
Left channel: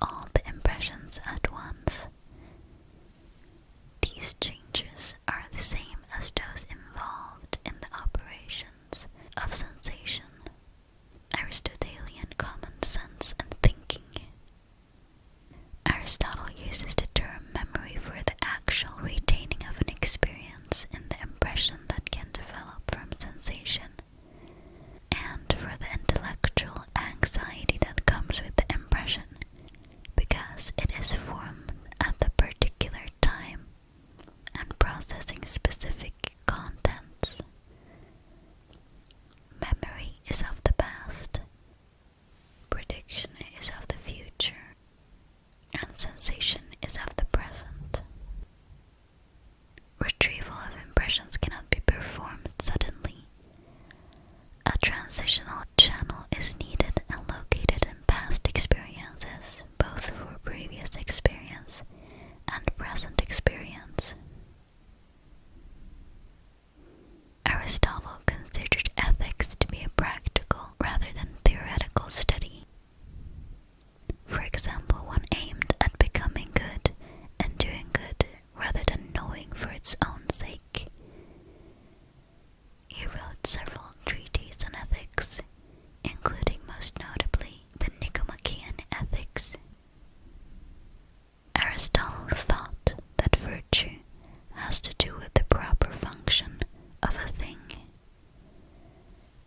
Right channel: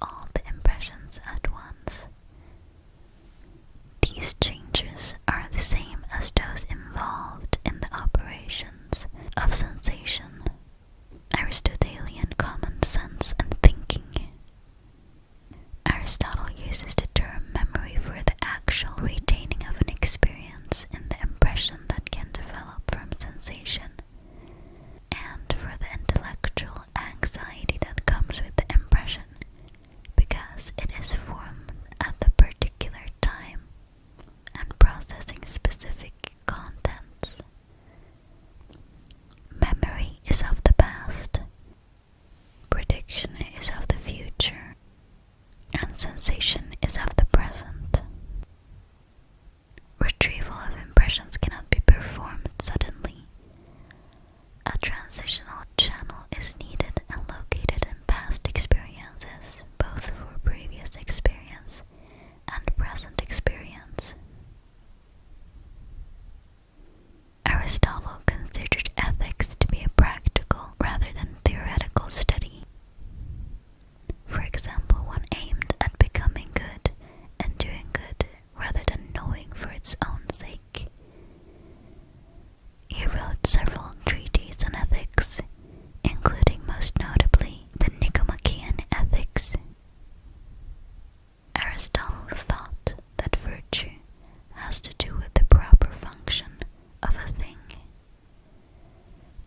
all the impressions at once. These changes are the same as those involved in the operations of sensation, Aristotelian common sense and thinking. Aristotle uses the term memory for the actual retaining of an experience in the impression that can develop from sensation, and for the intellectual anxiety that comes with the impression, because it is formed at the particular time and processing specific contents. Memory is of the past, prediction is of the future, and sensation is of the present. Retrieval of impressions cannot be performed suddenly. A transitional channel is needed and located in past experiences, both for previous experience and present experience. Aristotle considered ethics to be a practical rather than theoretical study. For example, one aimed at becoming good and doing good rather than knowing for its own sake. He wrote several treatises on ethics, including most notably the Nicomachean Ethics. Aristotle thought that virtue has to do with the proper function of a thing.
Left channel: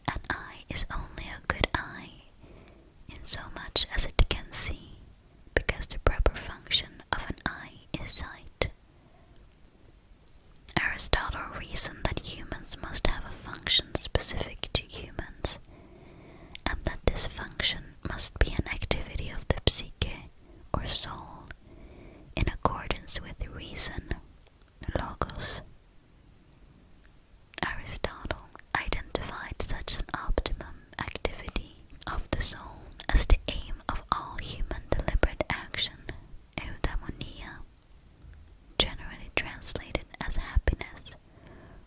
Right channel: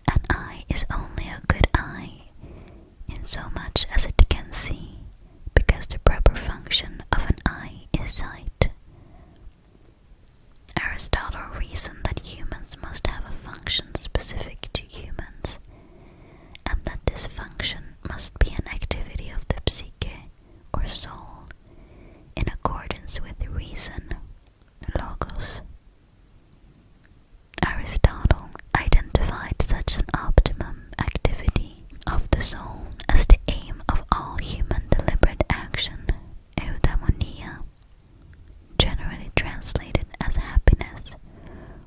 An eye is only a good eye in so much as it can see, because the proper function of an eye is sight. Aristotle reasoned that humans must have a function specific to humans, and that this function must be an activity of the psyche or soul in accordance with reason, logos. Aristotle identified such an optimum activity of the soul as the aim of all human deliberate action, eudaimonia, generally translated as happiness,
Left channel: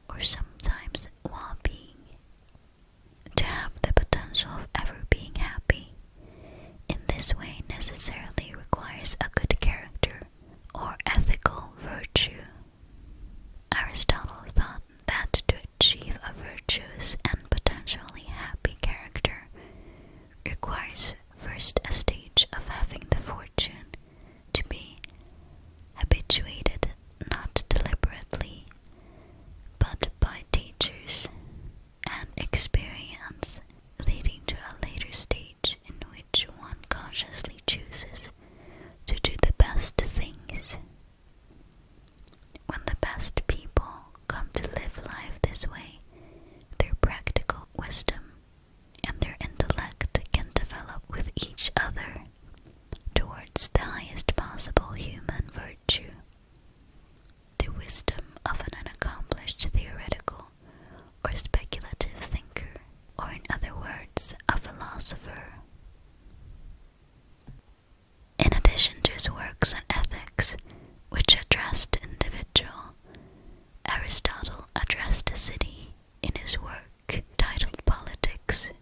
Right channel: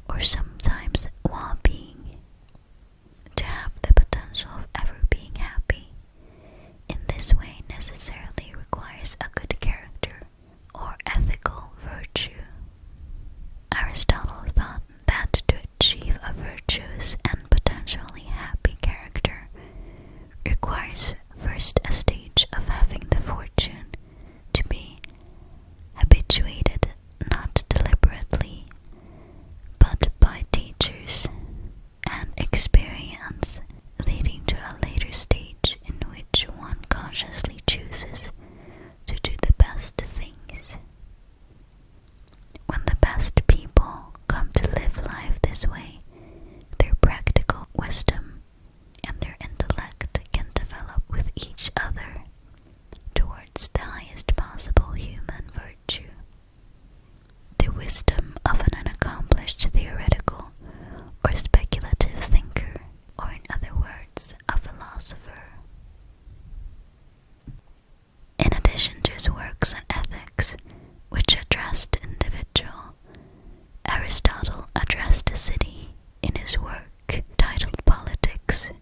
or sometimes well-being. To have the potential of ever being happy in this way necessarily requires a good character or ethical virtue. Aristotle thought that to achieve a virtuous and potentially happy character requires first a stage of having the fortune to be habituated not deliberately, but by teachers, and experience leading to a later stage in which one consciously chooses to do the best things. When the best people come to live life this way, their practical wisdom and their intellect can develop with each other towards the highest possible human virtue, the wisdom of an unaccomplished theoretical or speculative thinker, or in other words, a philosopher. In addition to his works on ethics, which addressed the individual, Aristotle addressed the city in his work titled Politics.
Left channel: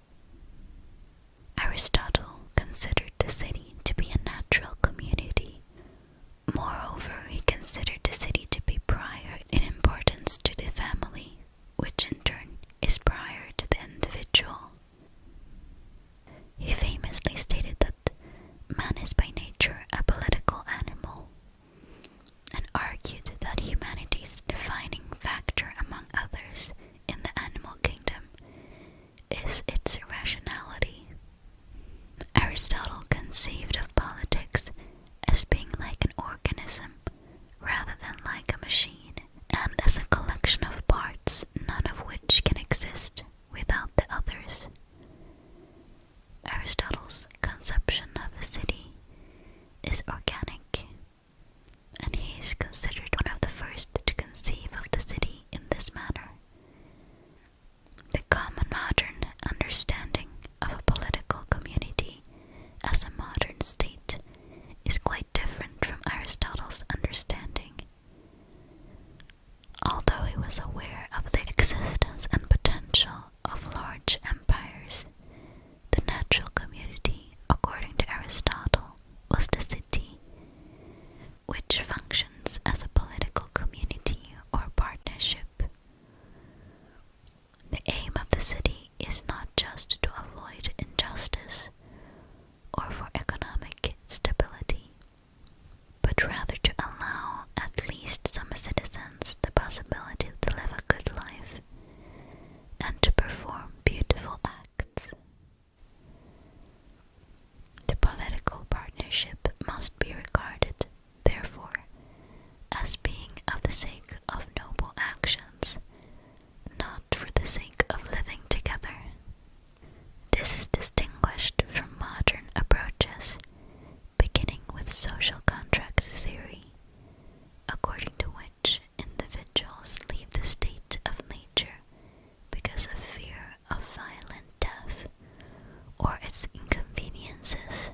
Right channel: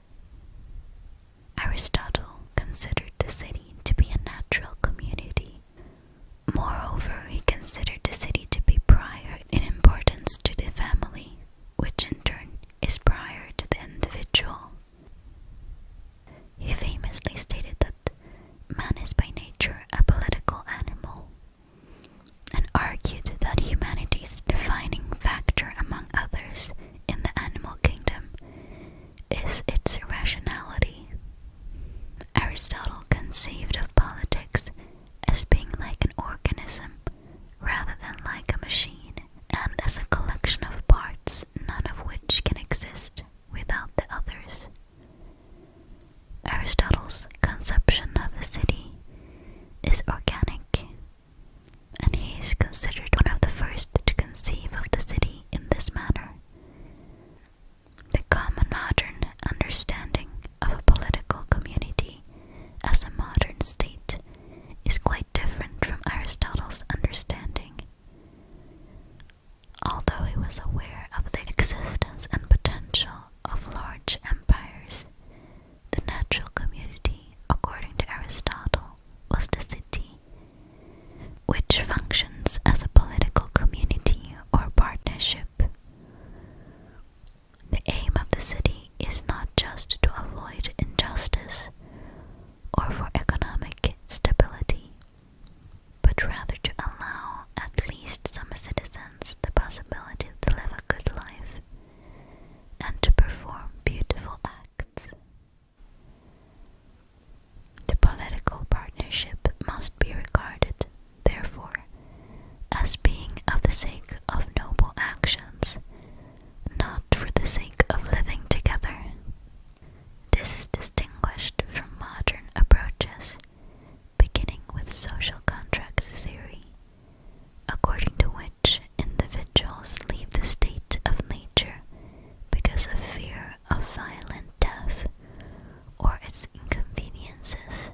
Aristotle considered the city to be a natural community. Moreover, he considered the city to be prior in importance to the family, which in turn is prior to the individual. He famously stated that man is by nature a political animal, and argued that humanity's defining factor among others in the animal kingdom is its rationality. Aristotle conceived of politics as being like an organism rather than like a machine, and as a collection of parts, none of which can exist without the others. Aristotle's conception of the city is organic, and he is considered one of the first to conceive of the city in this manner. The common modern understanding of a political community as a modern state is quite different from Aristotle's understanding. Although he was aware of the existence and potential of large empires, the natural community, according to Aristotle, was the city social contract theory, according to which individuals leave the state of nature because of fear of violent death or its inconveniences.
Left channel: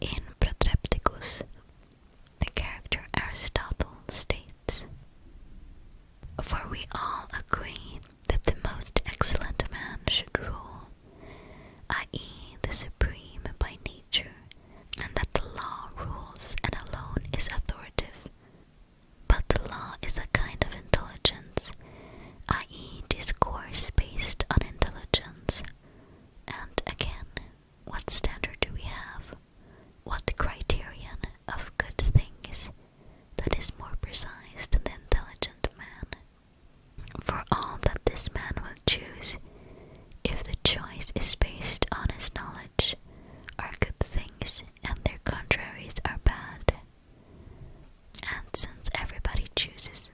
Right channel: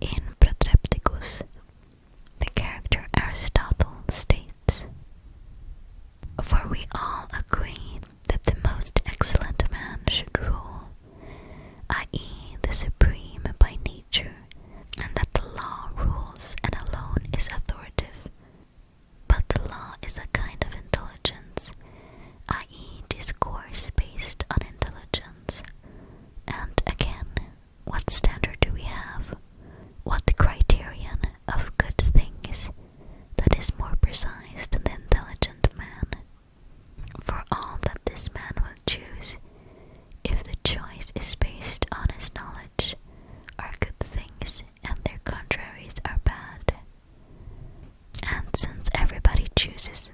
In Protrepticus, the character Aristotle states, "For we all agree that the most excellent man should rule, i.e. the supreme by nature, and that the law rules and alone is authoritative. But the law is a kind of intelligence, i.e. discourse based on intelligence. And again, what standard do we have? What criterion of good things that is more precise than the intelligent man? For all that this man will choose, if the choice is based on his knowledge, are good things and their contraries are bad. And since everybody chooses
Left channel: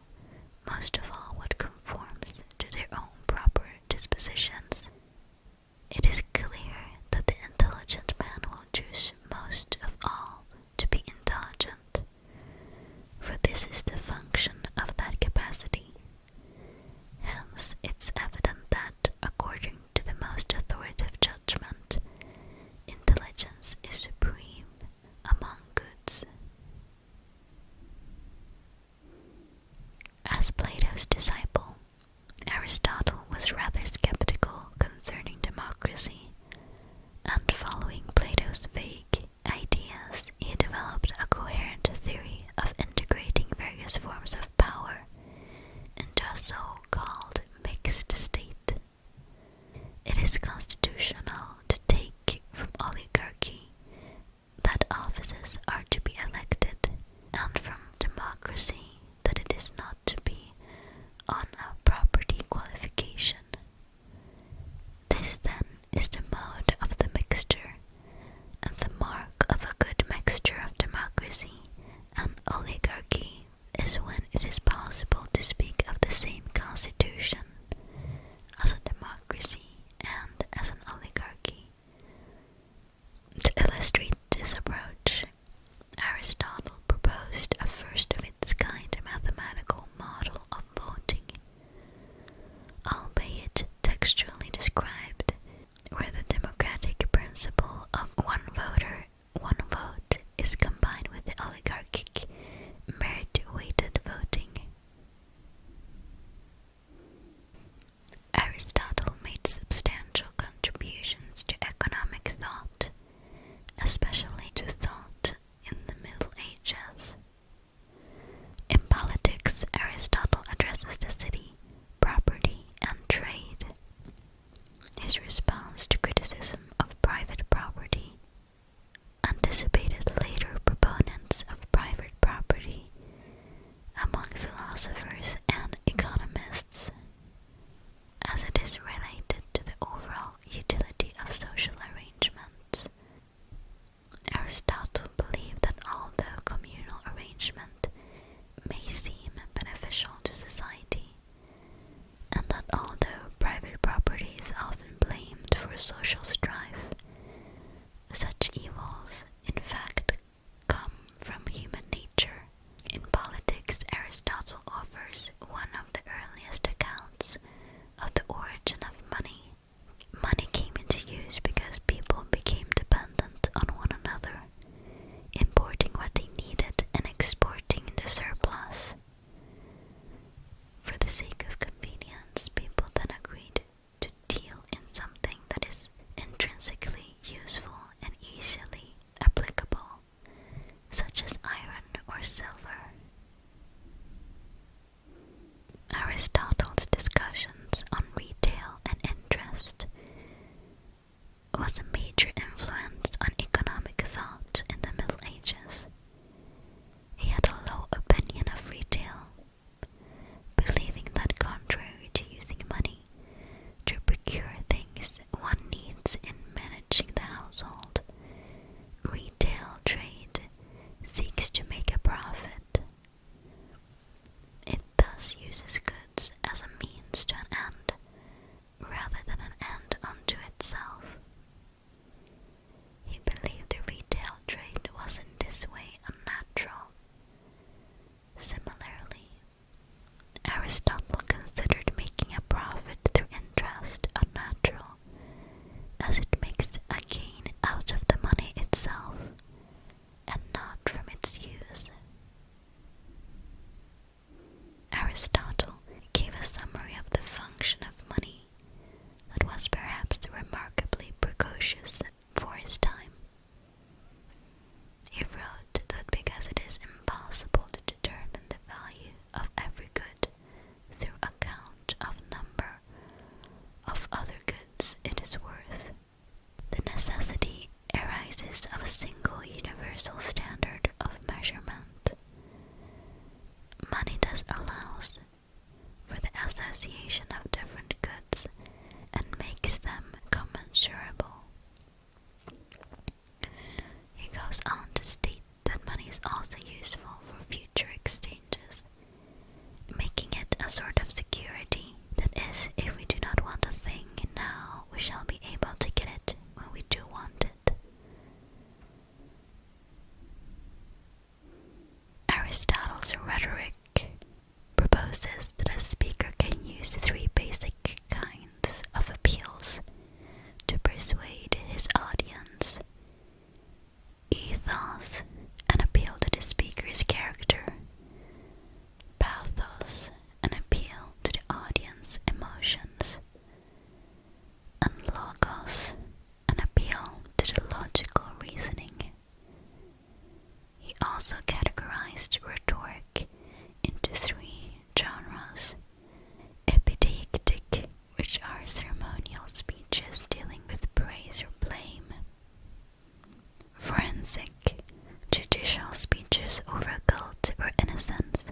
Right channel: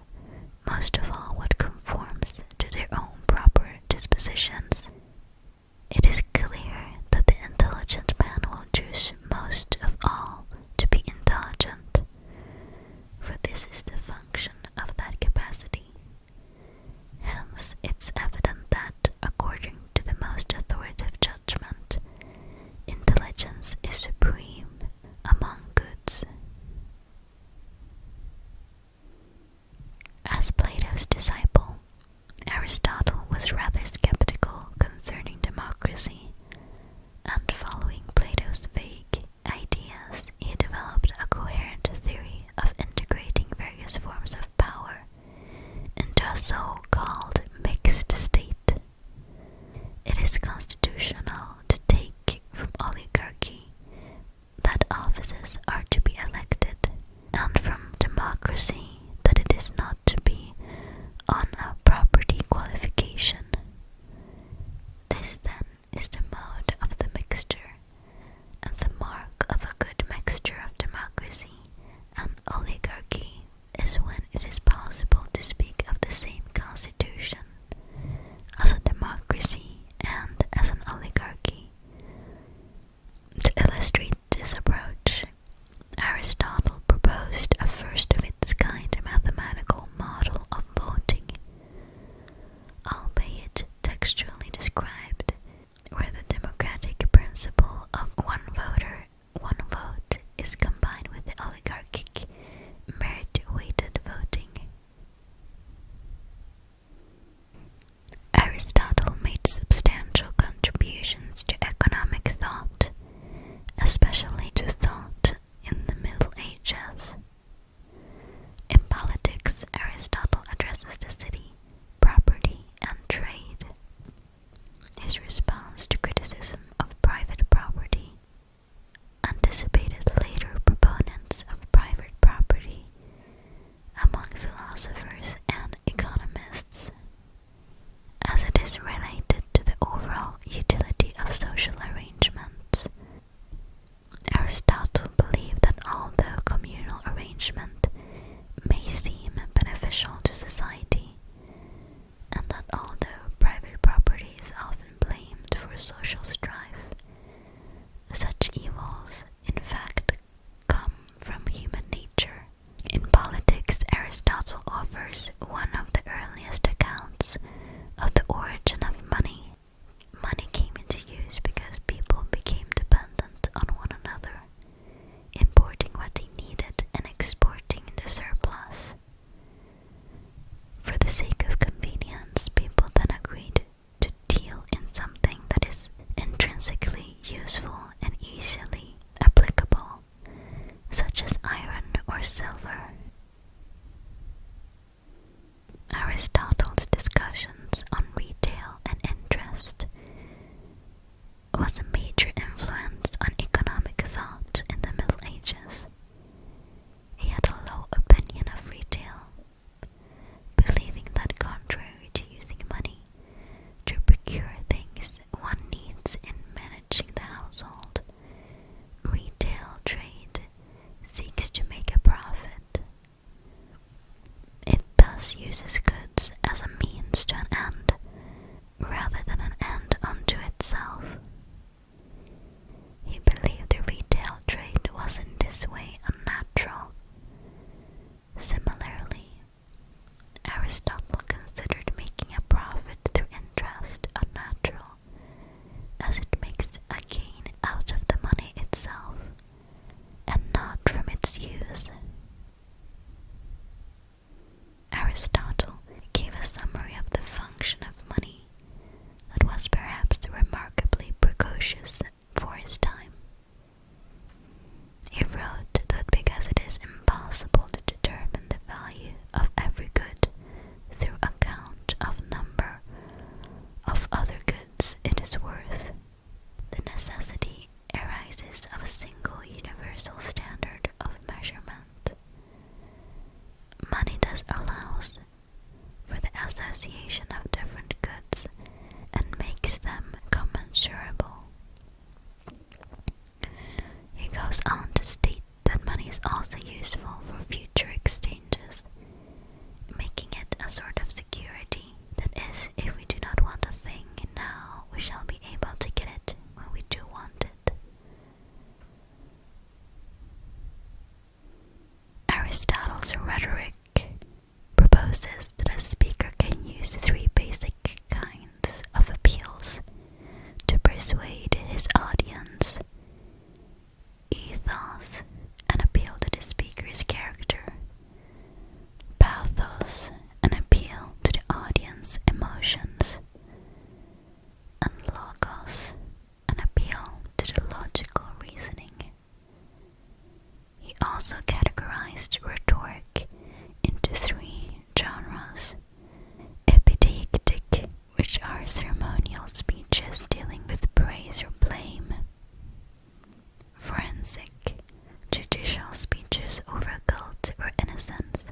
most of all what conforms to their own proper dispositions, it is clear that the intelligent man will choose most of all to be intelligent, for this is the function of that capacity. Hence, it's evident that, according to the most authoritative judgment, intelligence is supreme among goods." As Plato's disciple, Aristotle was rather skeptical concerning democracy, and following Plato's vague ideas, he developed a coherent theory of integrating various forms of power into a so-called mixed state. It is constitutional to take from oligarchy that offices are to be elected, and from democracy that it is not to be on a property qualification. This then is the mode of the mixture, and the mark of a good mixture of democracy and oligarchy is when it is possible to speak of the same constitution as a democracy and as an oligarchy. To illustrate this approach, Aristotle proposed a first of its kind mathematical model of voting, albeit textually described, where the democratic principle of one voter, one vote is combined with the oligarchic merit-weighted voting. Aristotle made substantial contributions to economic thought, especially to thought in the Middle Ages. In politics, Aristotle addresses the city, property, and trade. His response to criticism of private property anticipated later proponents of private property among philosophers and economists, as it is related to the overall utility of social arrangements. Aristotle believed that although communal arrangement may seem beneficial to society, and that although private property is often blamed for social strife, such evils, in fact, come from human nature. In politics, Aristotle offers one of the earliest accounts of the origin of money. Money came into use because people became dependent on one another, importing what they needed and exporting the surplus. For the sake of convenience, people then agreed to deal in something that is intrinsically useful and easily applicable, such as iron or silver. Aristotle's discussions on retail and interest was a major influence on economic thought in the Middle Ages. He had a low opinion of retail, believing that contrary to using money to procure things one needs in managing the household, retail trade seeks to make a profit. Aristotle's rhetoric proposes that a speaker can use three basic kinds of appeals to persuade his audience: ethos, an appeal to the speaker's character; pathos, an appeal to the audience's emotions; and logos, an appeal to the logical reasoning. He also categorized rhetoric into three genres: epideictic, which are ceremonial speeches dealing with praise or blame; forensic, judicial speeches over guilt or innocence;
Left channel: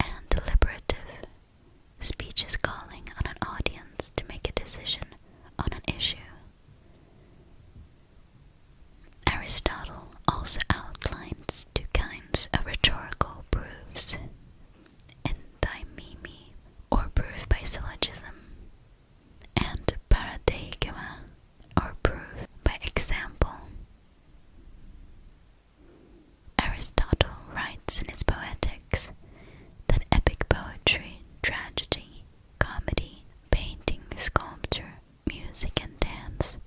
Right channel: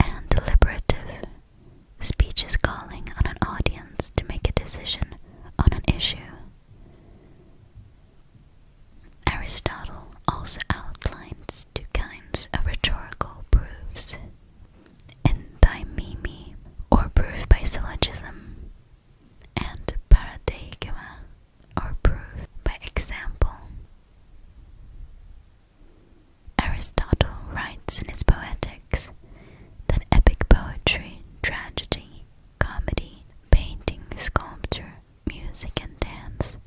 and deliberative, speeches calling on an audience to make a decision on an issue. Aristotle also outlines two kinds of rhetorical proofs: enthymeme, or proof by syllogism, and paradeigma, or proof by example. Aristotle writes in his Poetics that epic poetry, tragedy, comedy, painting, sculpture, music, and dance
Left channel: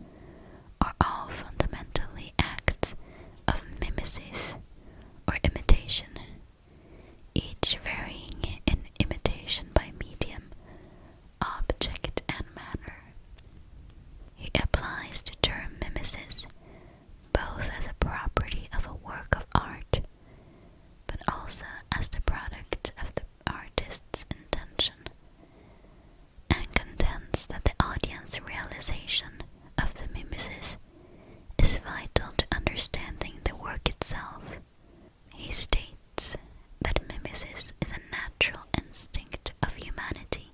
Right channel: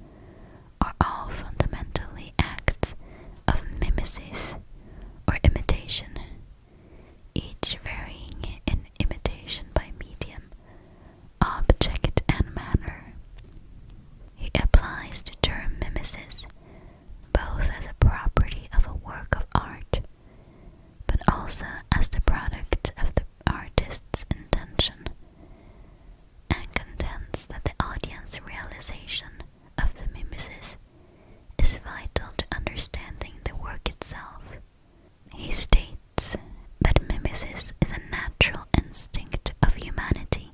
are all fundamentally acts of mimesis, or imitation, each varying in imitation by medium, object, and manner. He applies the term mimesis both as a property of a work of art, but also as the product of the artist's intention, and contends that the audience realization of the mimesis is vital to understanding the work itself. He states that mimesis is a natural instinct of humanity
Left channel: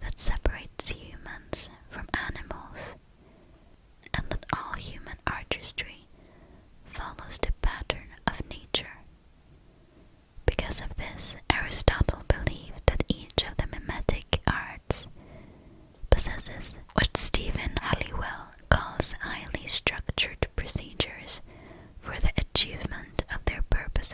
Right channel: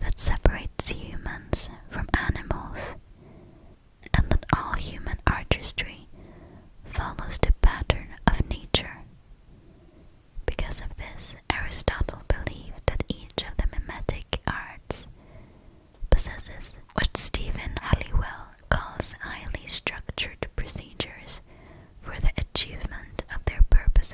that separates humans from animals, and that all human artistry follows the pattern of nature. Because of this, Aristotle believed that each of the mimetic arts possesses what Stephen Halliwell calls highly structured procedures for the achievement of their purposes.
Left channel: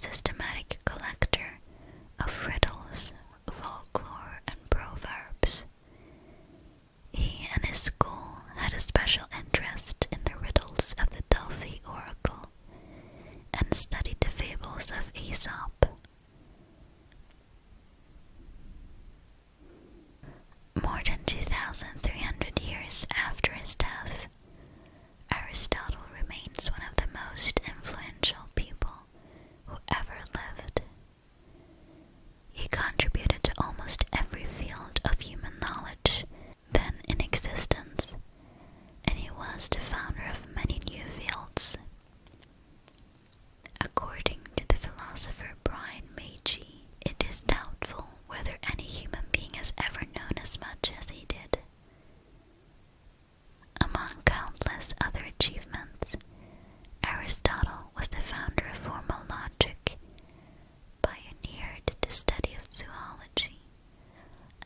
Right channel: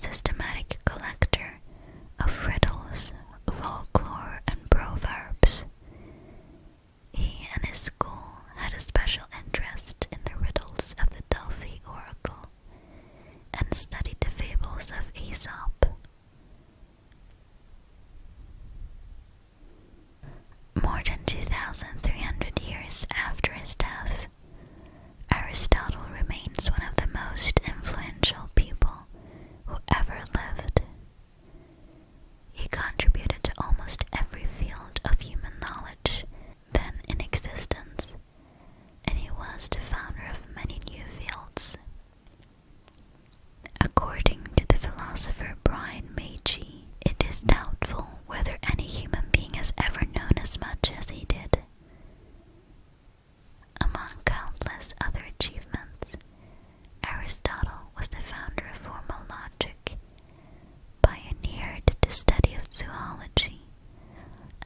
systematic collector of riddles, folklore, and proverbs. He and his school had a special interest in the riddles of the Delphi oracle and studied the fables of Aesop. More than 2,300 years after his death, Aristotle remains one of the most influential people who ever lived. He contributed to almost every field of human knowledge then in existence, and he was the founder of many new fields. According to the philosopher Brian Magee, it is doubtful whether any human being has ever known as much as he did. Among countless other achievements, Aristotle was the founder of formal logic, pioneered the study of zoology,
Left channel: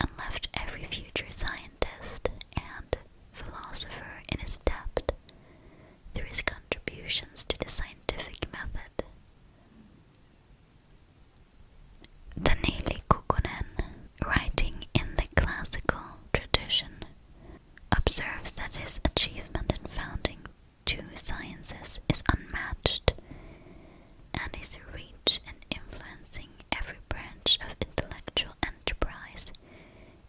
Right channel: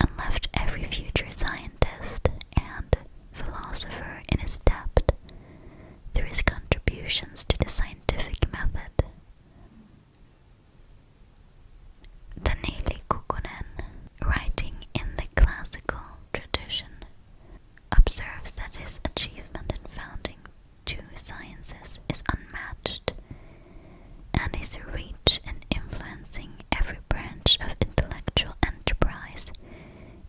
and left every future scientist and philosopher in his debt through his contributions to the scientific method. Taneli Kukkonen, writing in the classical tradition, observes that his achievement in founding two sciences is unmatched, and his reach in influencing every branch of intellectual enterprise,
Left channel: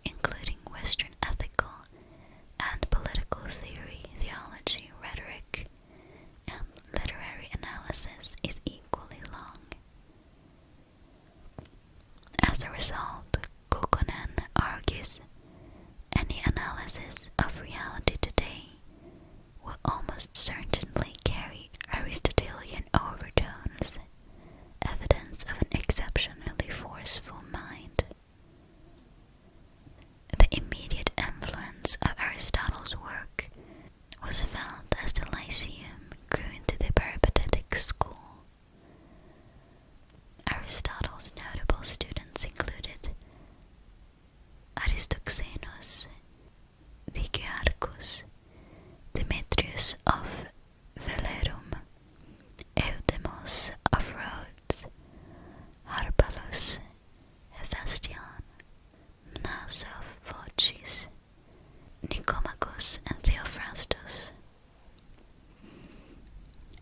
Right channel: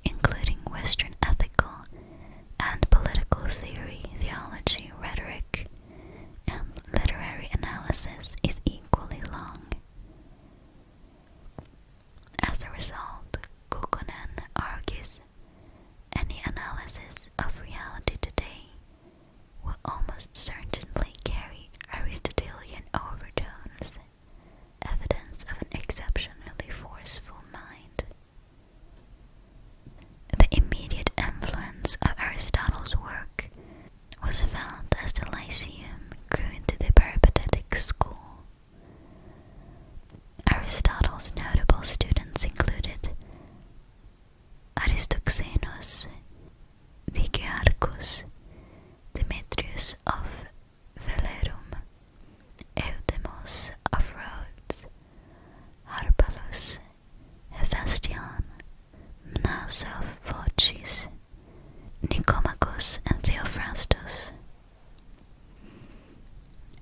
including Western ethical and political theory, theology, rhetoric, and literary analysis, is equally long. As a result, Kukkonen argues any analysis of reality today will almost certainly carry Aristotelian overtones, evidence of an exceptionally forceful mind. The immediate influence of Aristotle's work was felt as the Lyceum grew into the peripatetic school. Aristotle's notable students included Aristoxenus, Dicearchus, Demetrius of Velerum, Eudemos of Rhodes, Harpalus, Hephaestion, Mnaso of Phocis, Nicomachus, and Theophrastus.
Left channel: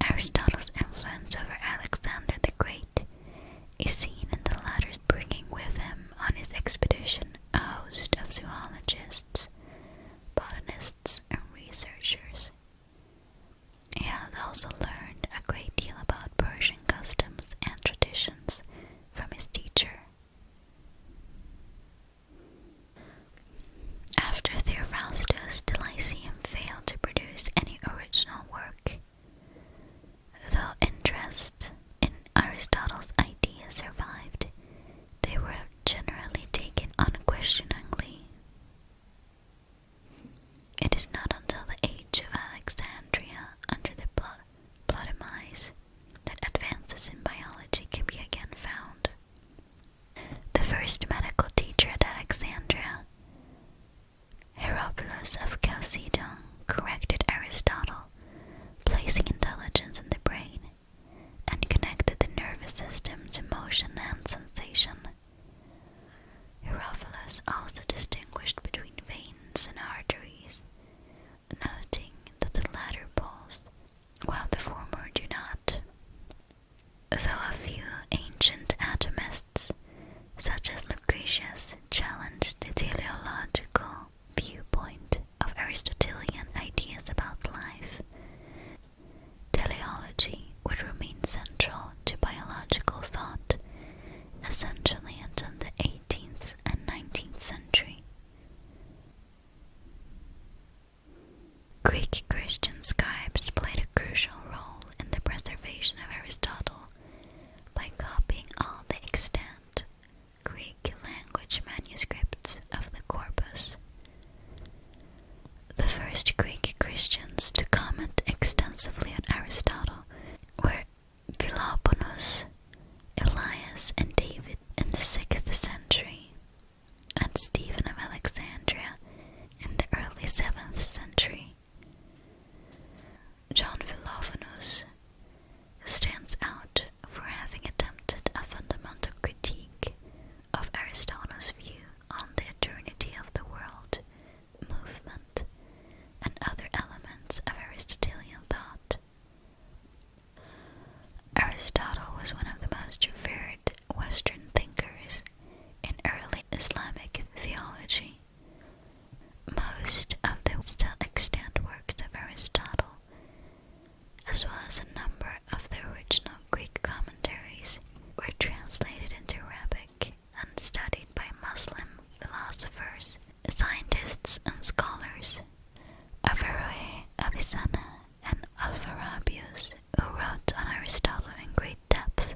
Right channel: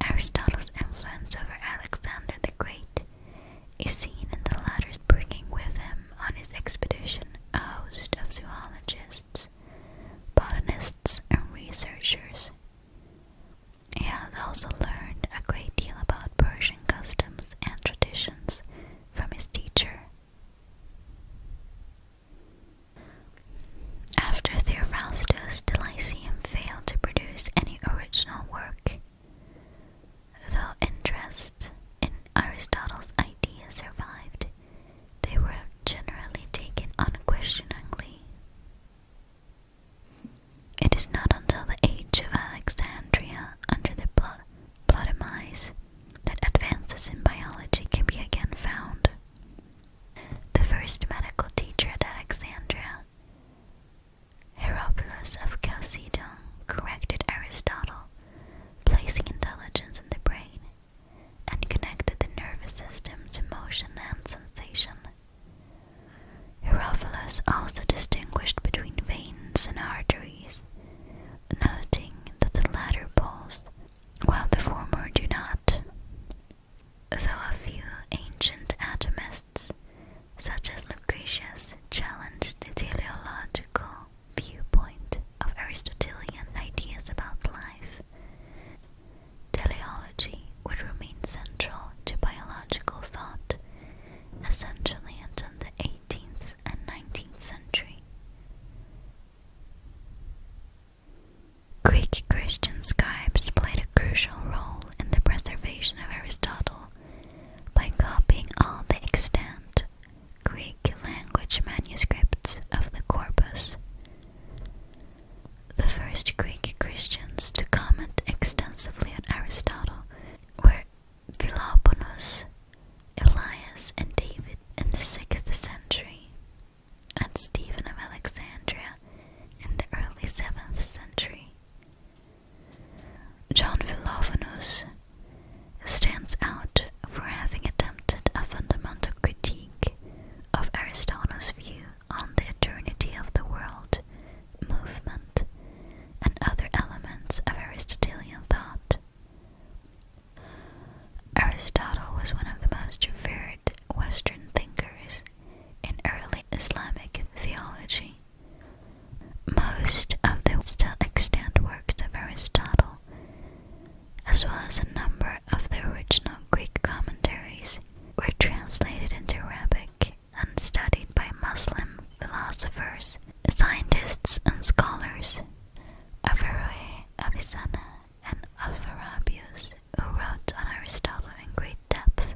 Aristotle's influence over Alexander the Great is seen in the latter's bringing with him on his expedition a host of zoologists, botanists, and researchers. Avicenna and Alpharabius, who wrote on Aristotle in great depth,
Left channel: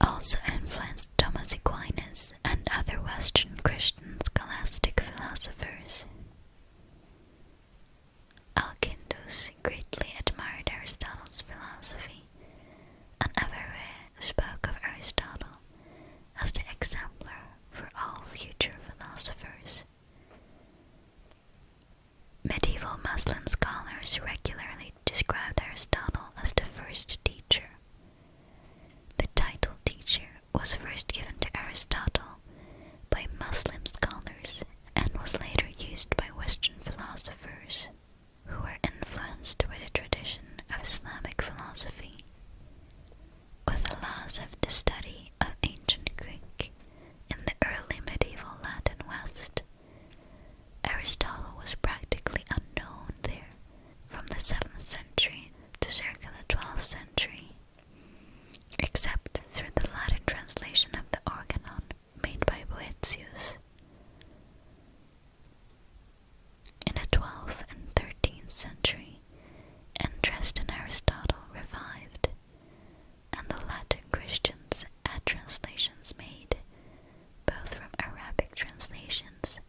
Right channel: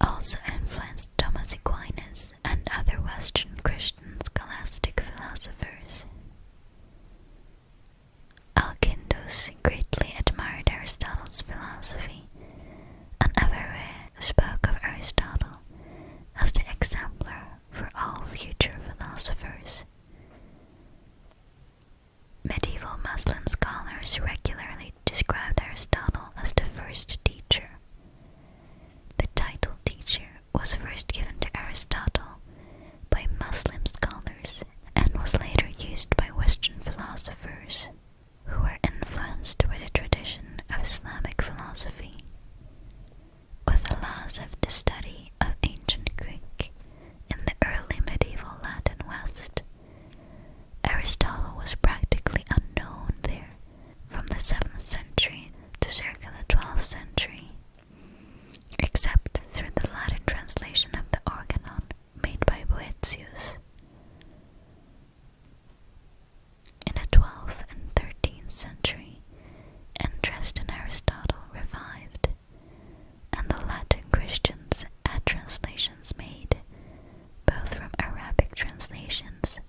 also influenced Thomas Aquinas and other Western Christian scholastic philosophers. Alkindus greatly admired Aristotle's philosophy, and Averroes spoke of Aristotle as the exemplar for all future philosophers. Medieval Muslim scholars regularly described Aristotle as the first teacher. The title teacher was first given to Aristotle by Muslim scholars and was later used by Western philosophers who were influenced by the tradition of Islamic philosophy. With the loss of the study of ancient Greek in the early medieval Latin West, Aristotle was practically unknown there from the 7th century to circa the 12th century, except through the Latin translation of the Organon made by Boethius. In the 12th and 13th century, interest in Aristotle revived, and the Latin Christians had translations made, both from Arabic translations,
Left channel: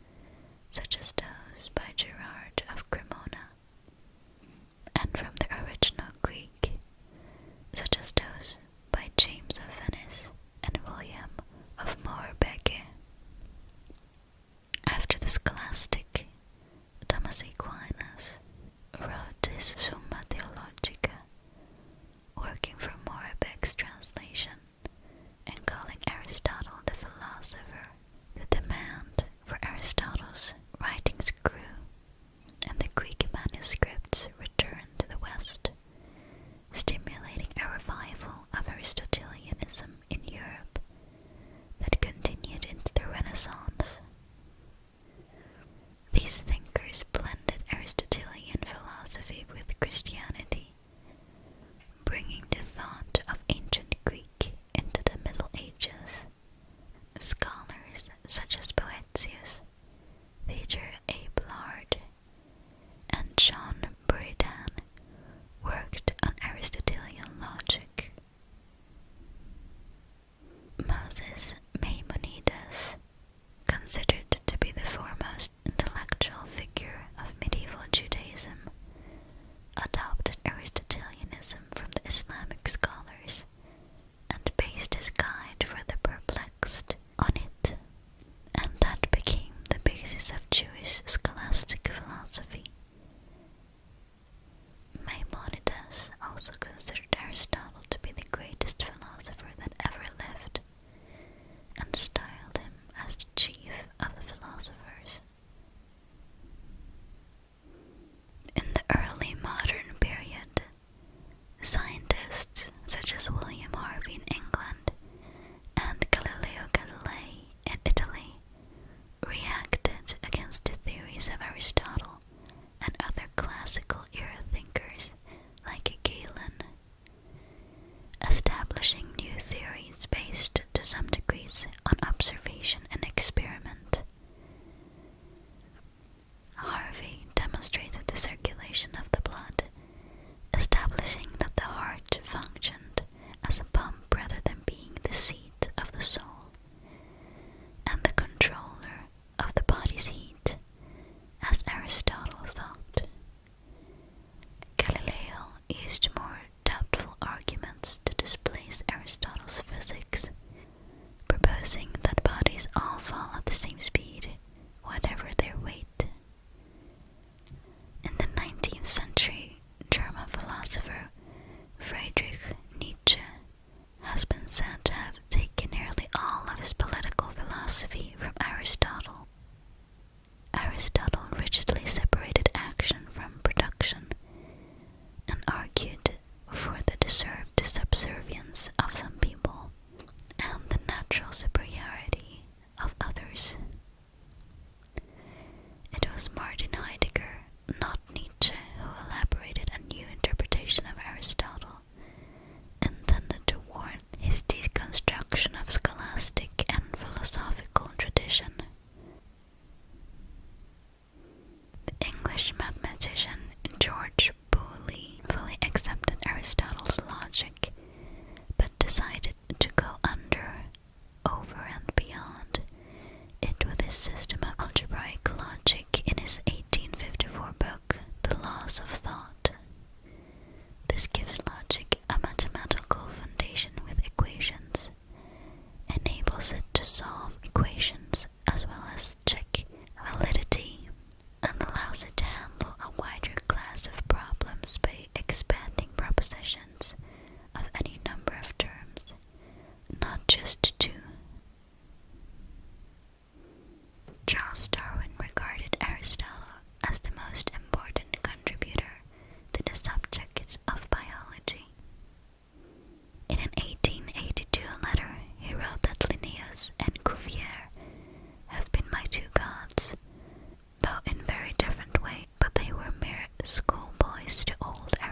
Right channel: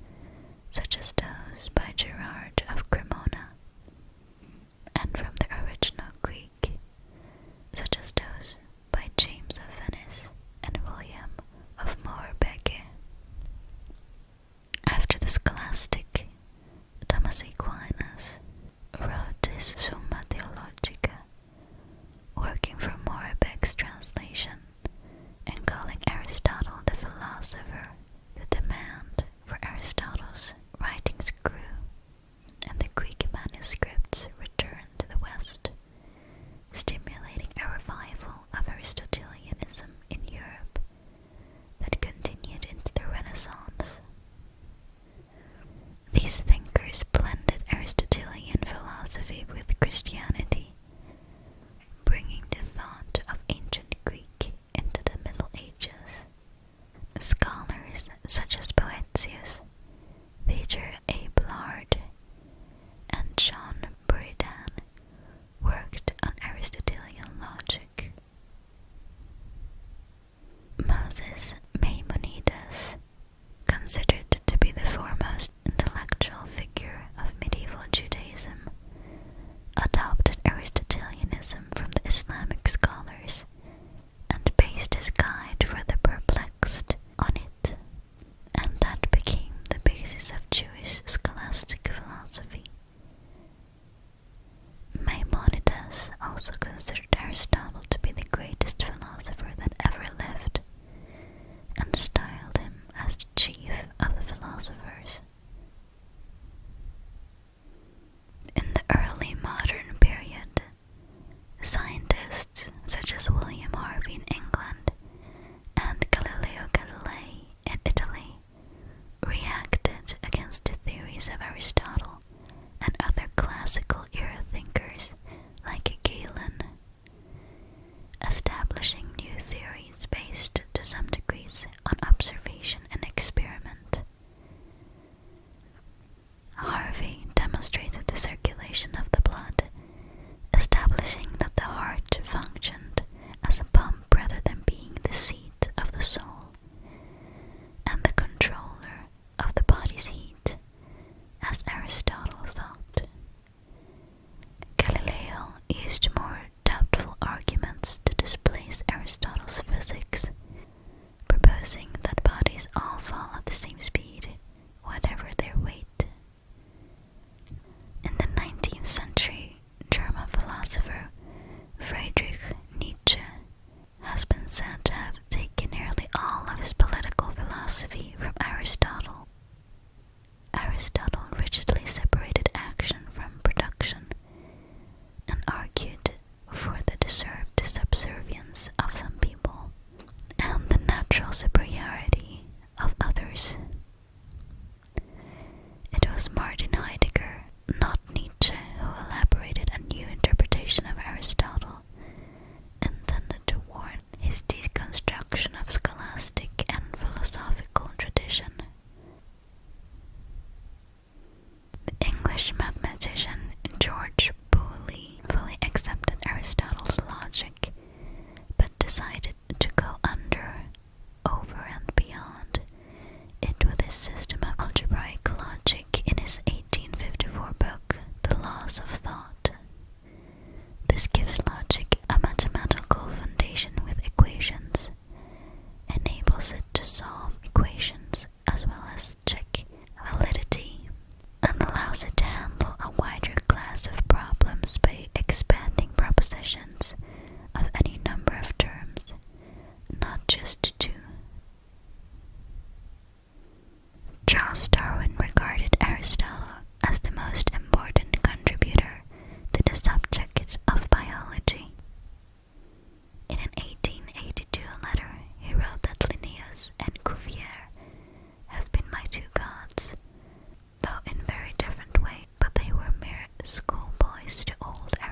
such as those by Gerard of Cremona, and from the original Greek, such as those by James of Venice and William of Moerbeke. After the scholastic, Thomas Aquinas wrote his Summa Theologica, working from Moerbek's translation and calling Aristotle the philosopher. The demand for Aristotle's writings grew, and the Greek manuscripts returned to the West, stimulating a revival of Aristotelianism in Europe that continued into the Renaissance. These thinkers blended Aristotelian philosophy with Christianity, bringing the thought of ancient Greek into the Middle Ages. Scholars such as Boethius, Peter Abelard, and John Buridan worked on Aristotelian logic. Moses Maimonides, considered to be the foremost intellectual figure of medieval Judaism, adopted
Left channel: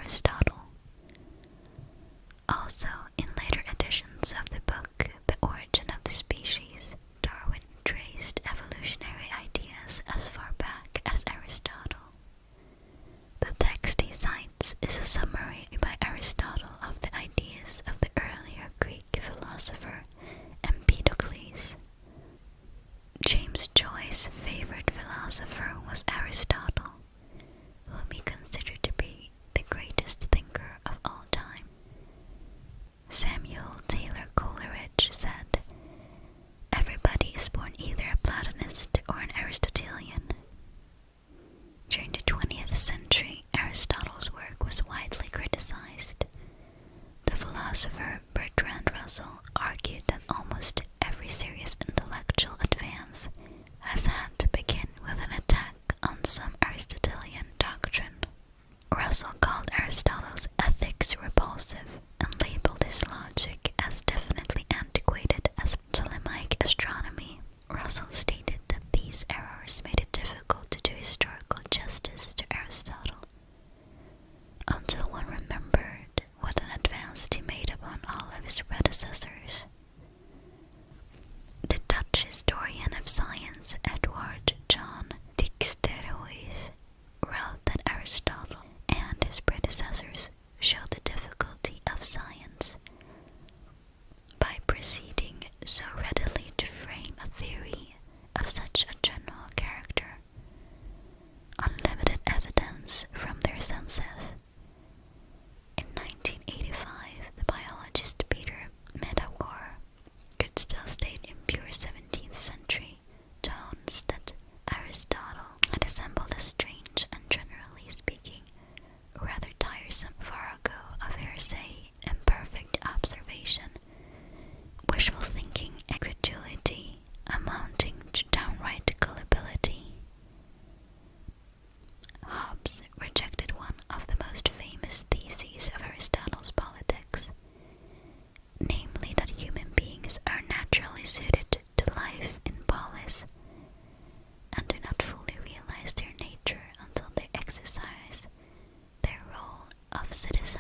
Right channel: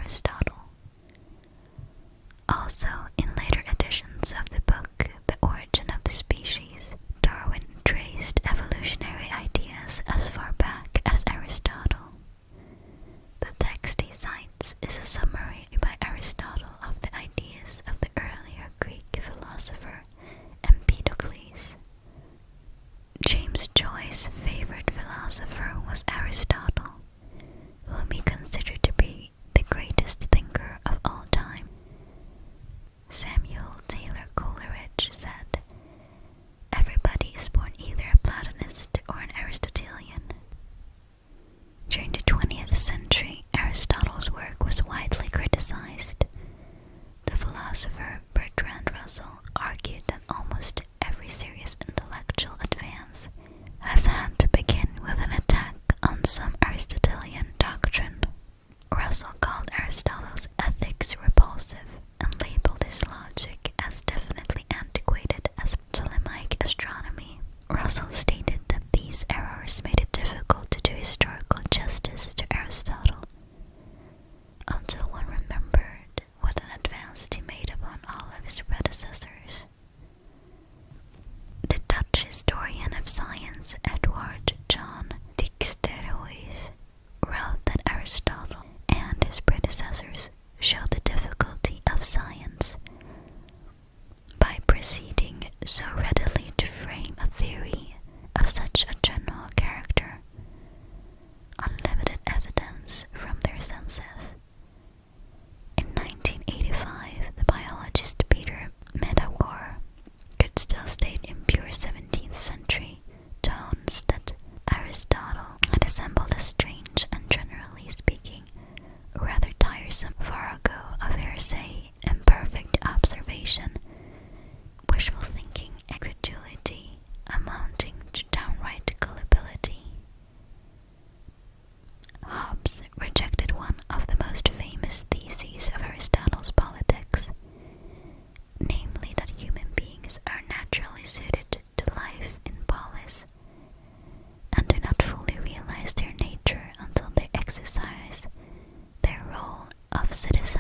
Aristotle. Also, in later editions of the book The Origin of the Species, Darwin traced evolutionary ideas as far back as Aristotle. The text he cites is a summary by Aristotle of the ideas of the earlier Greek philosopher Empedocles. James Joyce's favorite philosopher was Aristotle, whom he considered to be the greatest thinker of all time. Samuel Taylor Coleridge said, "Everybody is born either a Platonist or an Aristotelian." During the 20th century, Aristotle's work was widely criticized. The philosopher Bertrand Russell argued that almost every serious intellectual advance has had to begin with an attack on some Aristotelian doctrine. Russell called Aristotle's ethics repulsive and labeled his logic as definitely antiquated as Ptolemaic astronomy. Russell stated that these errors made it difficult to do historical justice to Aristotle, until one remembered what an advance he made upon all of his predecessors. The Dutch historian of science Edward John Dijksterhuis wrote that Aristotle and his predecessors showed the difficulty of science by proceeding so readily to frame a theory of such a general character on limited evidence from their senses. In 1985, the biologist Peter Medawar could still state in pure 17th century tones that Aristotle had assembled a strange and, generally speaking, rather tiresome farrago of hearsay, imperfect observation, wishful thinking, and credulity amounting to downright gullibility. Hobbes rejected one of the most famous theses of Aristotle's politics, namely that human beings are naturally suited to life in polis, and do not fully realize their nature until they exercise their role of citizens